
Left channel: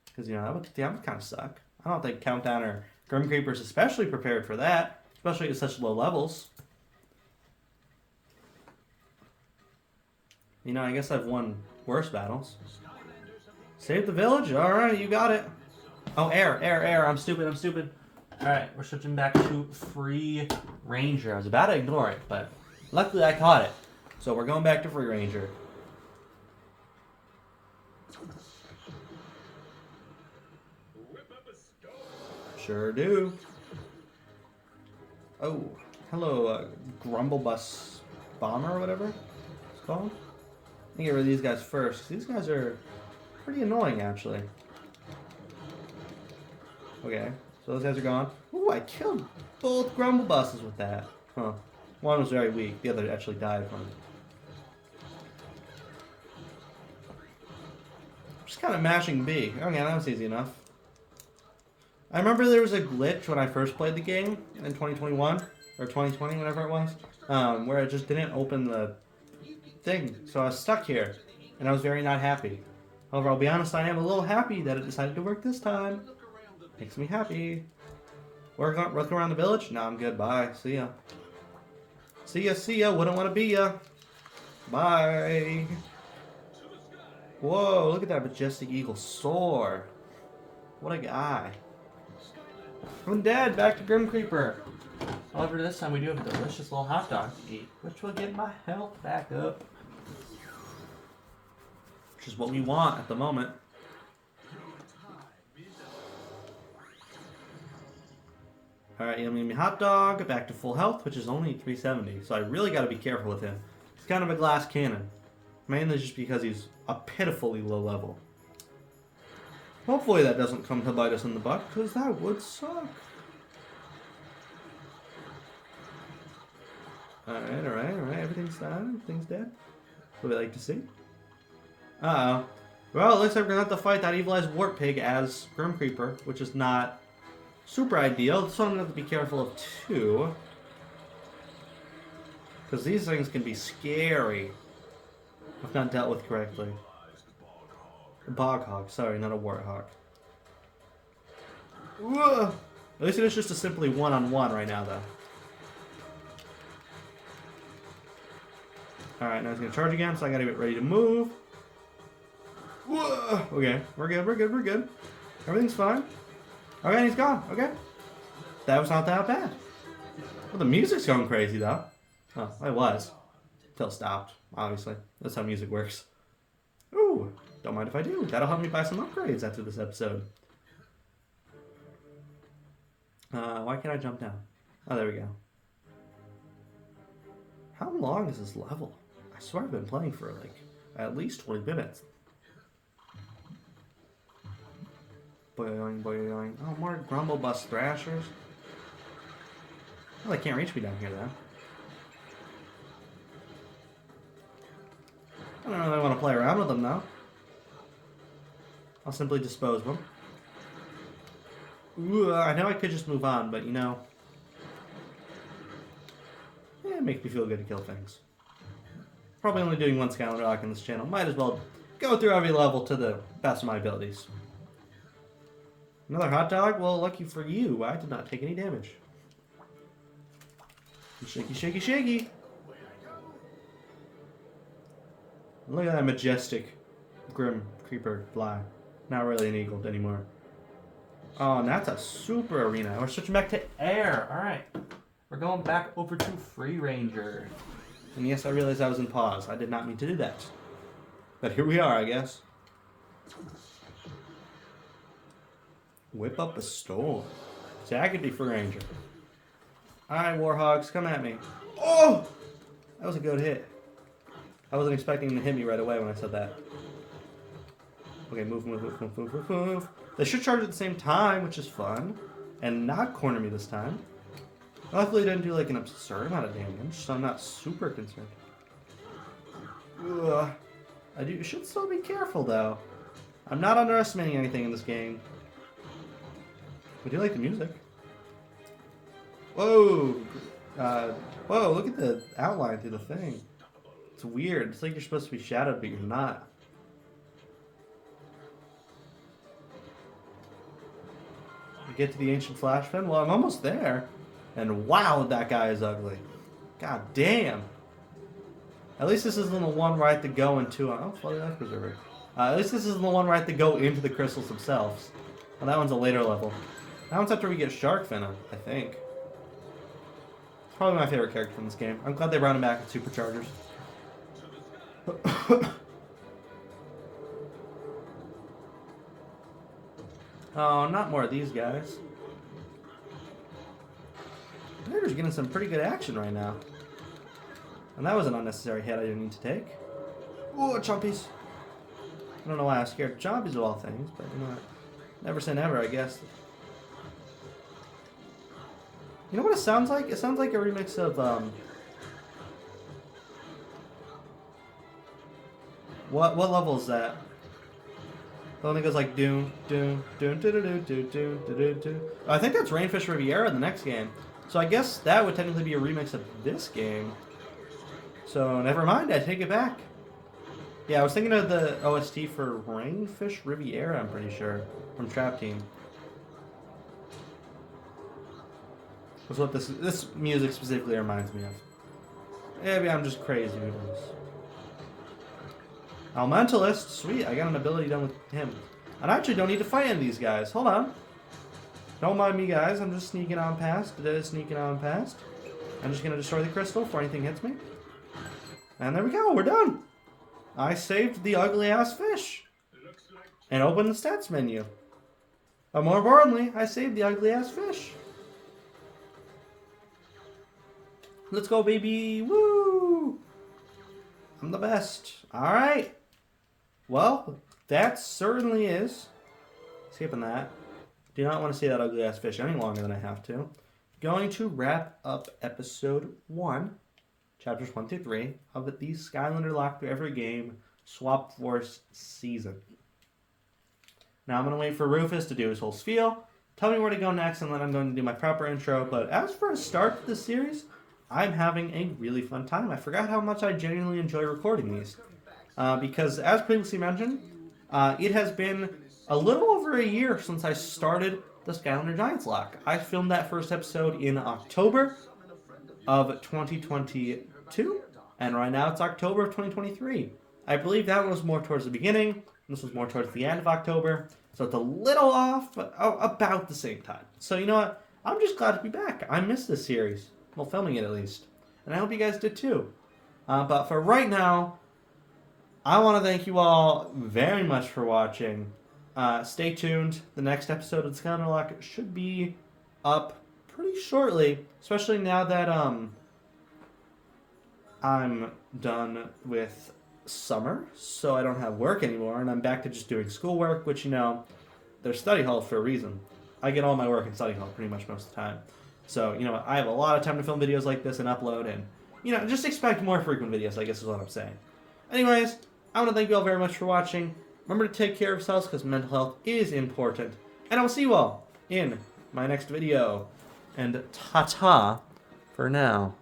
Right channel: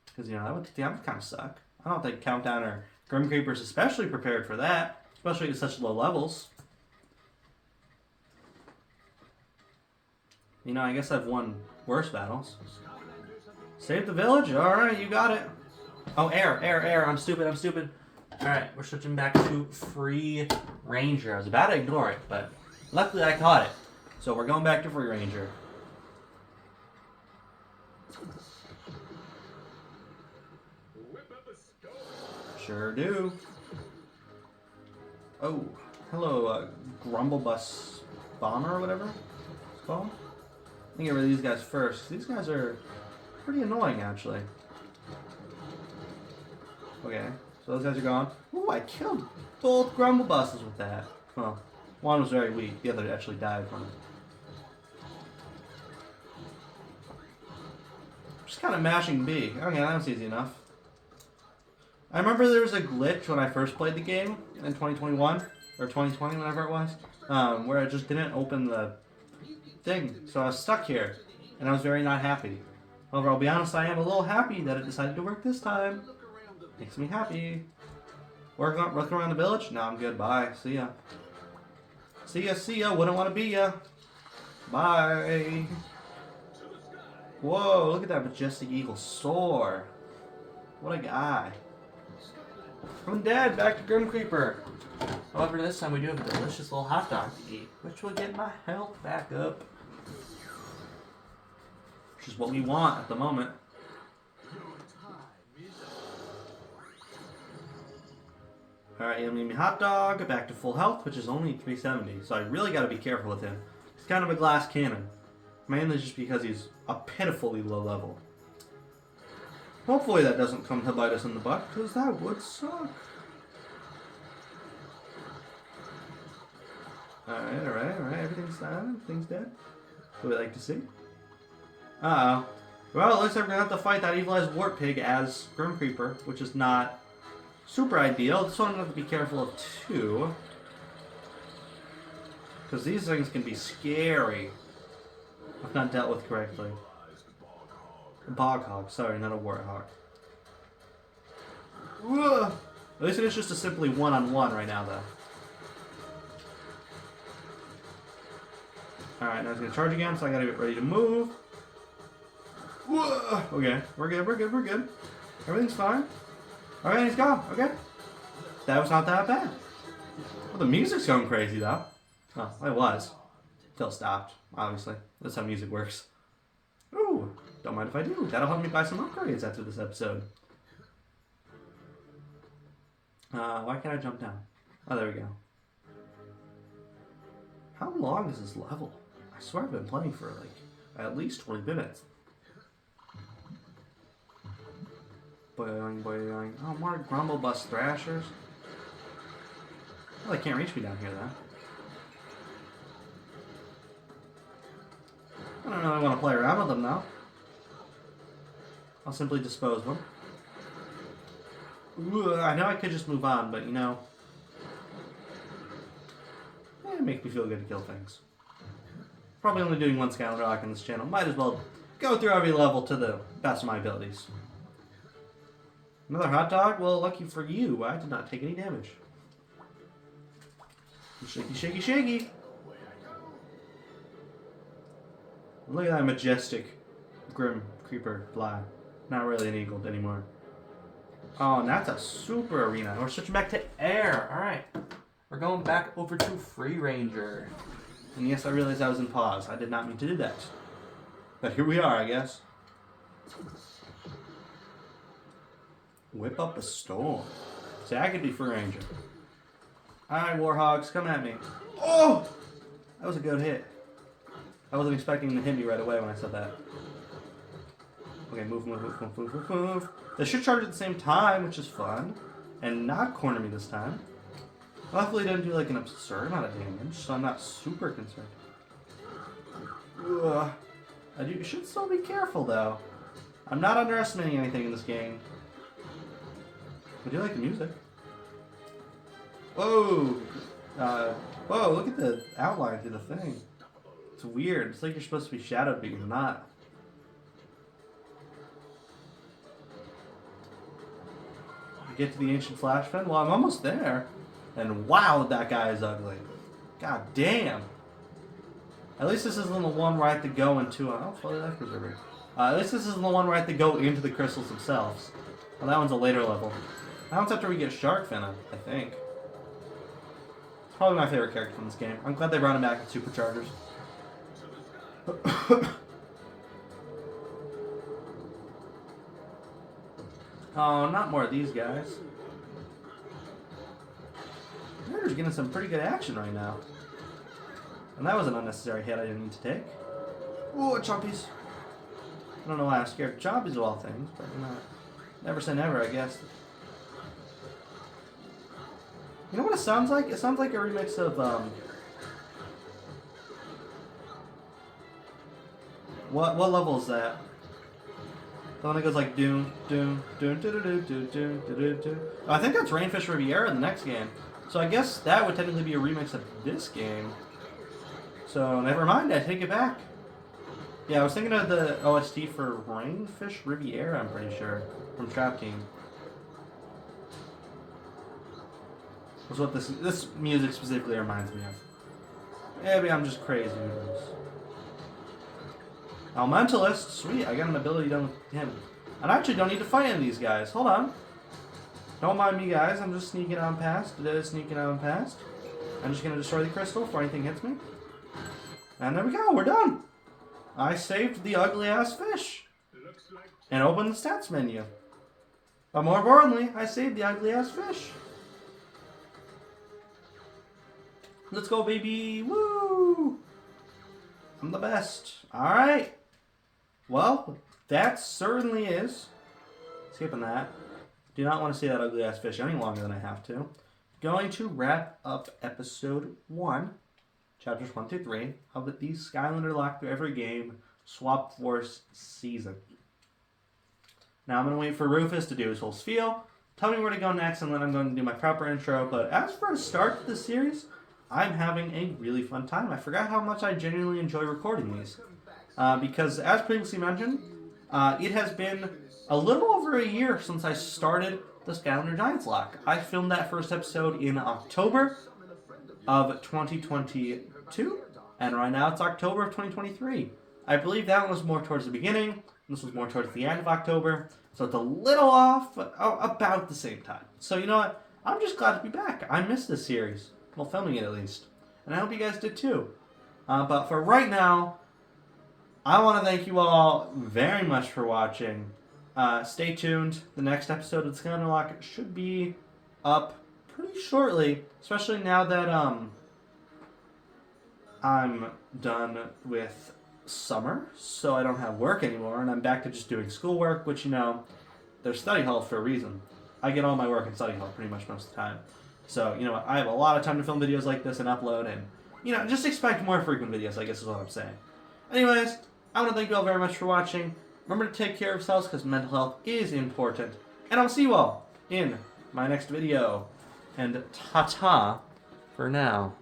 Because, you know, that would kind of suck. I don't think Countdown or Grim Creeper's especially prepared for that. Especially at such low levels. You know, I guess I've won worse battles. Save the village? Alright, you got it. Oh, air. I'm stupid. Alright, we're switching back to Free Ranger. I was about to ignore it, but luckily I caught it. So we're going back to Free Ranger. Sure do. Oh, hello, Grumblebus Bomber or whatever it's called. I think get rid of these guys first. These guys are pretty annoying, actually. Okay, so those guys are gone. Ooh, I killed both Grumblebuses with that. Well, one was very weak. The other actually died from it. Just kind of mashing B. Okay, that was easy enough. I remember there was a glitch when I first played the game in 2021 or 2020, whatever it was, where it just didn't open the thing, so I was stuck here, and I was very not happy. However, I'll be honest, I am a little happy that it decided to work this time. Makes me happy. Work around the village? No, I'm good. Bye. See ya. See ya. Wouldn't want to be ya. Bye. Whoa, look at that majestic eagle soar. What a guy. I'm dead. Back to Grim Creeper. However, this time we do have a delicious little hot dog to eat, which will get my health back up. Which is what we want at the moment. Alright, yummy hot dog, back to full health, which is only 370, so I really gotta be careful with him. He's kind of a glass cannon. Mainly just because he's a pitifully low level. Hopefully that doesn't come to bite us in the butt, because that would suck. Alright, everything's fine, everything's dead. What we like to see. Uh-oh. Well, it looks like we're gonna have to fight that evilized wart pig as Grim Creeper, which is not super ideal. This one I'm gonna have to be careful of too. Because these things can be scary if not dealt with correctly. A bog hog, sorry, not a warthog. At least it's just a simply one-on-one right now, though. Alright, now it's gonna charge again, so I gotta get ready to move. Whoa! Okay, we're good. Everything's fine. Okay, he's gone. Okay. That was not that bad. Well, the music's going crazy, though. Well, it was. Until it stopped, obviously. That's how music works. Ooh, don't mind if I do. That'll help me buy some upgrades after this episode. Why can't I jump down? Oh, there we go. How long is this level? I swear I've been playing for, like, at least 20 minutes. Boing. Oh, more Grumblebus Thrashers. Well, they can't reach me down here, though. I don't really want to play around with them, now. I'll simply dispose of them. Ooh, I know I could just move on, but, you know... Yeah, it makes me feel good to kill things. Probably only doing one Skylander Locke on this channel. Might as well go through every level to the best of my abilities. Another hot dog? Well, lucky for you, I did not take any damage. Shaky. Look at that majestic Grim Creeper fly. Not really an eagle anymore. Oh, and that's a super arena. We're switching back to air. Alright. We're going back over to Free Ranger. And yes, I realized I was in pause. I did not mean to do that. But here we are, I guess. Whip up a storm. See, I could be Free Ranger. Alright, Warhogs, come at me. Oh! That was a good hit. I wasn't expecting him to hit me right away when I said that. Okay, move, move, move, move, move, move, move. They should charge at the same time, which is fun. And not corner me this time. Luckily, it didn't do like an absurd amount of damage, so I'm not super concerned. Ugh. I should still be careful, though. I'm not underestimating anything in this game. I do like the music. Whoa! Whoa, look at the outline through the thing. It's weird. It's like you're supposed to be shadowed, but you're not. You get to the ancient flash fin? Well, I'm almost there. And wow, that guy is ugly. God damn. At least this isn't the one where I have to go into... Oh, floating life preserver. At least this isn't the one where I have to go into the crystals themselves. Well, that one's a later level. That one's after we get Shark Fin, I think. It's probably my favorite character in this game. I'm glad they brought him back with superchargers. Oh, not more of these guys. They're getting some pretty good action right now. And that was an unnecessary hit I didn't need to take. Ooh, chompies. I don't know why I was scared of chompies of all things, but you know, never say never, I guess. You know what it sounds like? It sounds like a remix of, What level is that? The one that goes like doom, doom, doom, do do do do do do do. I think that's Rainfish Riviera in the next game. So I guess that would technically be a remix of this game. So never mind, I take it back. Yeah, I was thinking of the OST for Rainfish Riviera, I'm pretty sure, from Trap Team. That's what this music specifically reminds me of. Maybe I'm just crazy with this. Elementalist, sweet, I got an ability done with him. And I actually don't need to fight any of these guys. Hold on. Don't mind me, guys. I'm just sneaking on past. Sneaking on past. I'm just going to destroy the crystal before anything hits me. And there we go. We're done. I saved the ugly-ass fish. And opened the stats menu. But more importantly, I saved the ugly-ass fish. Let's go, baby. Woo! I'm the best. Alright. Well, that certainly is. Skipping that. Do not want to see that ugly-ass fish any longer than I have to. Going to wrap up episode 1, chapters 1 through 3, of the Skylander Locke Through Every Game Swap Force season. Now I'm going to wait for Rufus to do his whole spiel, tell me where to go next, and then I'm going to do my proper intro. But as for a start to the series, I'm having a really fun time. I forgot how much I genuinely enjoy recording these. Because, as previously mentioned, it has been a little over a year since I started the Skylander Giants Locke. I filmed that first episode in October of 2022, and right now it's October of 2023. I believe that one was more towards the beginning, this was more towards the end of October, so it's a little off, but about the same time. So you know what? I'm just glad to be back. I missed this series. Well, filming it at least. And I hope you guys did too. But for right now, I want to thank you all very much for watching. Stay tuned. The next episode of the Skylander Locke should be up pretty shortly, especially now that I'm done with summer, so I don't have work anymore, and I'm back to just doing schoolwork, which, you know, there's study hall for a reason. I get all my work in study hall pretty much most of the time. So, you know, I have a lot of time to film videos like this and upload, and, you know, just expect more frequent videos, I guess is what I'm saying. Anyways, I want to thank you all very much for watching. Remember to take care of yourselves, because mental health is important. And I will see you all in my next video. And ta-ta for now.